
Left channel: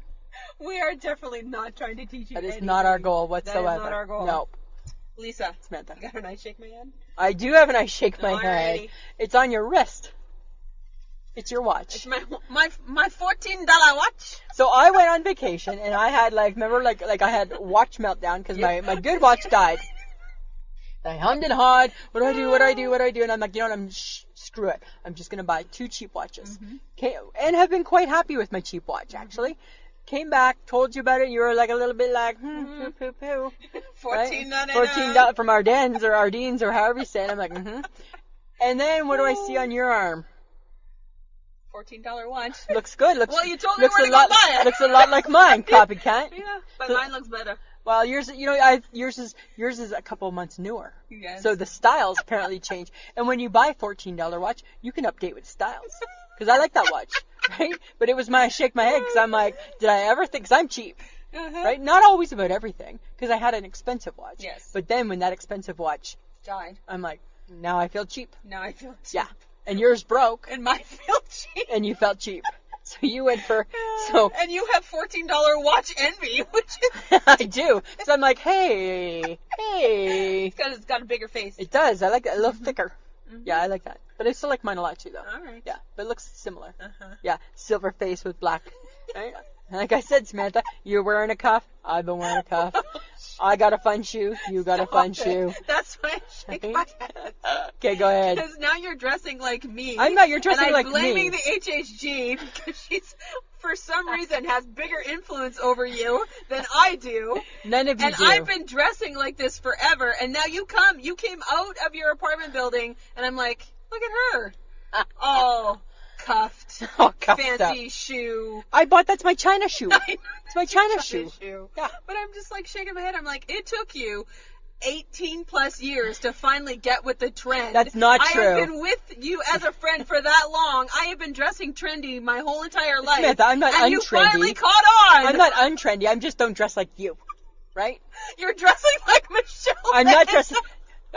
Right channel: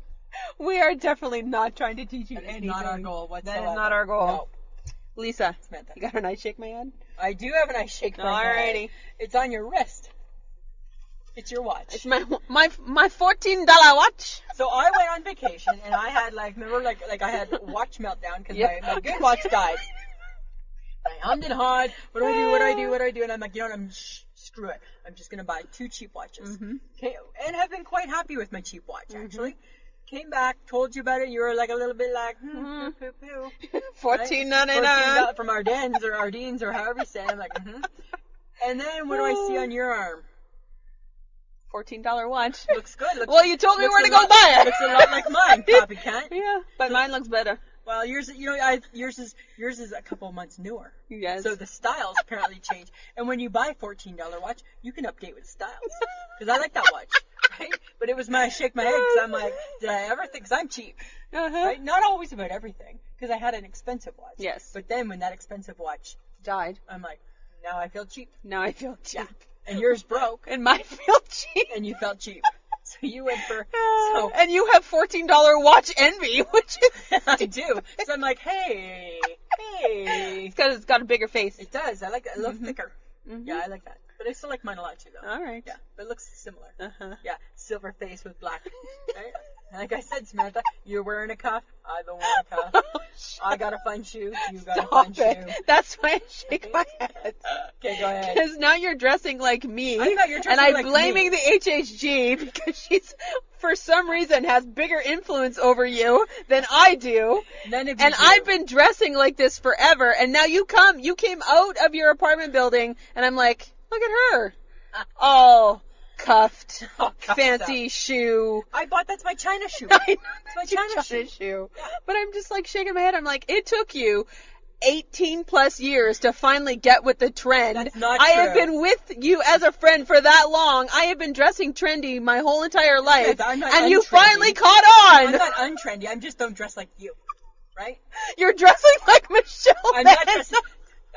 We are definitely not trying to teach you That is anything. not our goal whatsoever. That is not our goal. No. Lisa, Samantha. you got a nice shake my head? I do have an ice shake my Alrighty. head. It's on your wrist. It's your watch. It's my $14 watch. So I went on vacation and I had remember I had watch meltdown because my good watch died. I hummed and hawed. What do I do? And I'm like, you know what? Screw it. I'm just going to buy 2 cheap watches. And have been quite happy with my cheap watch, actually. Came back, told you about it. You were like a little bit like, poo. $14.99 from Ardennes or however you say it. I'm like, And then what do I see on your arm? $14 watch. Looks good. Well, you told me where to go buy it. Looks a lot like mine, copycat. Yeah, but mine looks better. Well, yours is a couple months newer. Yes. So the styles apparently change. And when you buy a $14 watch, you can update with styles. Because I like that watch, right? But it was I shake my head because I'm like, did I ever think? Because I'm cheap, right? Not always about everything. Because I had an expensive watch. Yes. But then when that expensive watch died, I'm like, now I feel cheap. Yeah. And yours broke. And mine felt cheap. And you felt cheap. So you went for and you have $14 watch envy, which is I do. So I'm like, hey. it's got a bigger face. It does. I like it a little thicker. Yeah, I like that. But I still like mine a lot too, though. All right. Yeah, but it looks similar. Yeah, silver face with black. Right? Like I said, Samantha, you're wearing a cuff. I've been wearing a cuff. I got a fun shoe. You got a fun shoe. That's why I shake my head. Okay, go ahead. Because now you're dressing like me. I'm not. You're dressing like me. And I'm blaming the HHG because she's, for some reason, has bigger influence over you than I do. None of you do. I've been dressing like this forever. And now you came out of your apartment building, and I'm like, look at her. Oh. Cuffed, fancy shoe. That's my China shoe. It's my China shoe. Yeah. But I'm just like shaking my head. I'm like, it took you 18 plus years to finally get with the trend. That's not true. I have been with you as a friend for that long. I have been dressing trendy my whole entire life. Smith, I'm not and untrendy. You finally caught on. I'm not untrendy. I just don't dress like you. Right? You're dressing like Michelle.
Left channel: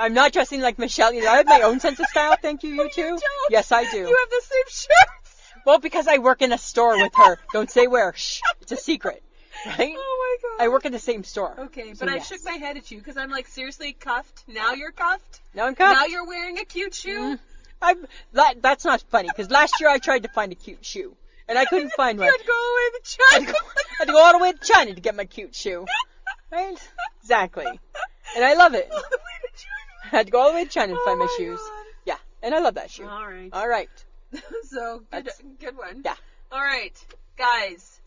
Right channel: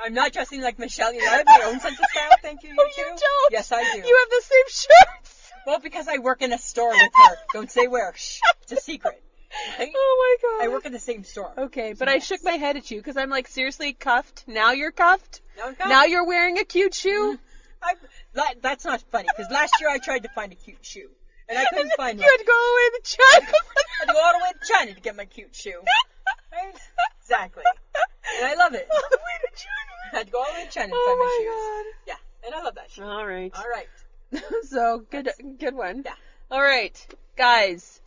I'm not dressing like Michelle. I have my own sense of style. Thank you, you too. You don't. Yes, I do. You have the same shirt. Well, because I work in a store with her. Don't say where. Shh. It's a secret. Right? Oh my God. I work in the same store. Okay, but I shook my head at you because I'm like, seriously, cuffed? Now you're cuffed? Now I'm cuffed. Now you're wearing a cute shoe? That's not funny because last year I tried to find a cute shoe and I couldn't find one. You had to go all the way to China. I had to go all the way to China to get my cute shoe. Right? Exactly. And I love it. All the way to China. I had to go all the way to China to find my shoes. God. Yeah, and I love that shoe. All right. So, good one. Yeah. All right, guys.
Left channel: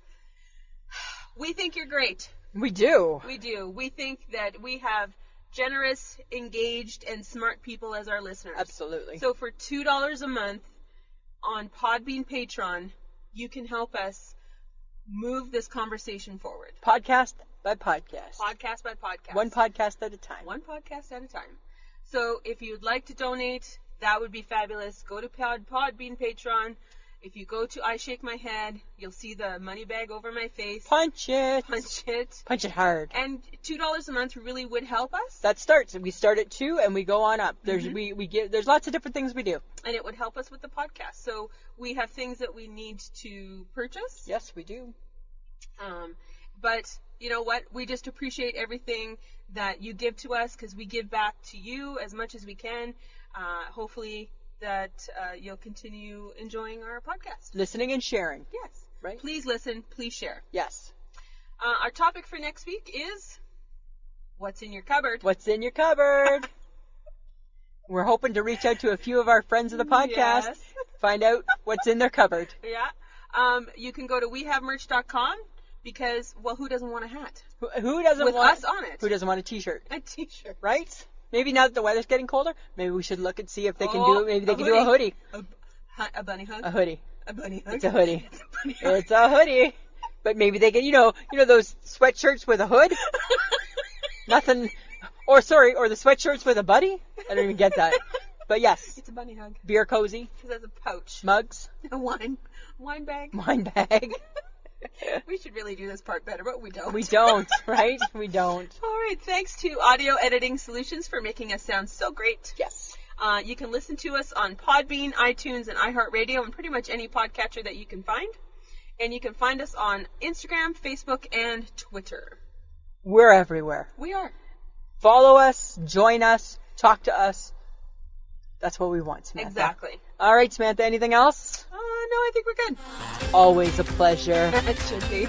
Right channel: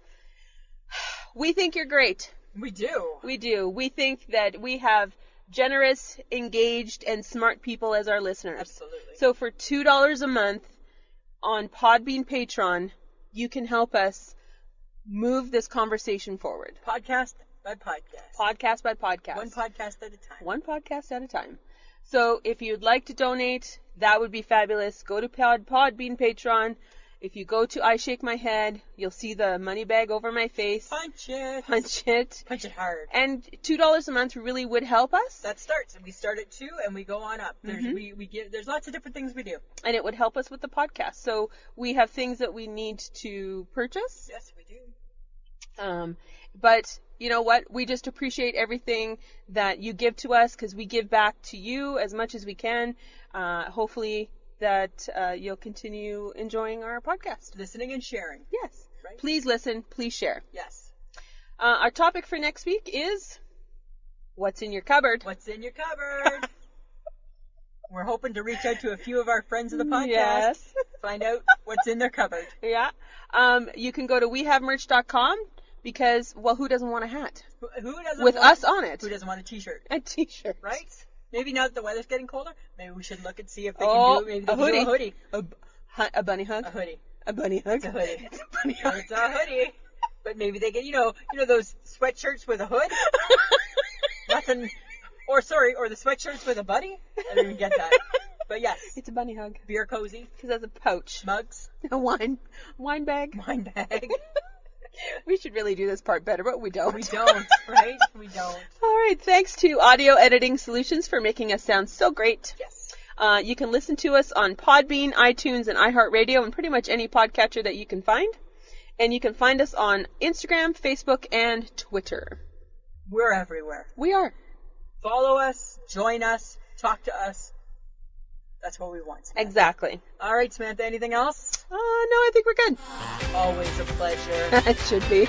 We think you're great. We do. We do. We think that we have generous, engaged, and smart people as our listeners. Absolutely. So for $2 a month on Podbean Patreon, you can help us move this conversation forward. Podcast by podcast. Podcast by podcast. One podcast at a time. One podcast at a time. So if you'd like to donate, that would be fabulous. Go to Podbean Patreon. If you go to I Shake My Head, you'll see the money bag over my face. Punch it. Punch it. Punch it hard. And $2 a month really would help us. That starts. We start at 2 and we go on up. There's there's lots of different things we do. And it would help us with the podcast. So we have things that we need to purchase. Yes, we do. But you know what? We just appreciate everything that you give to us because we give back to you as much as we can. Hopefully that you'll continue enjoying our podcast. Listening and sharing. Yes. Right? Please listen. Please share. Yes. Our topic for next week is what's in your cupboard. What's in your cupboard? We're hoping to reach out to a few of our friends of the podcast. Yes. Find out what's in their cupboard. Yeah. You can go to wehavemerch.com because, well, who doesn't want a hat? Who doesn't with want us on it? Who doesn't want a t-shirt? A t-shirt. Right? Maybe now that the weather's getting colder, maybe we should look and see if they can do it. Maybe they can do a hoodie. A bunny hug? A hoodie. A bunny hug? It's a hoodie. It's a bunny hug. It's a hoodie. But maybe they get, you know those sweatshirts with a hood? Nothing. Or the sweatshirts with a buddy? I don't even get that. But yes. It's a bunny hug. Beer cozy. Because that's a pouch. Mugs. A wine bag. Wine bag. We should really do this part better, but we don't. We don't, right? We don't. All right. Thanks to Audio Editing Solutions for making us sound so great. Yes. You can listen to us on Podbean, iTunes, and iHeartRadio, and pretty much any podcatcher that you can find. And you can find us on Instagram, Facebook, and Twitter. We're everywhere. We are. Follow us, join us, talk to us. That's what we want, Samantha. Exactly. All right, Samantha, anything else? I think we're good. Always a pleasure. It should be.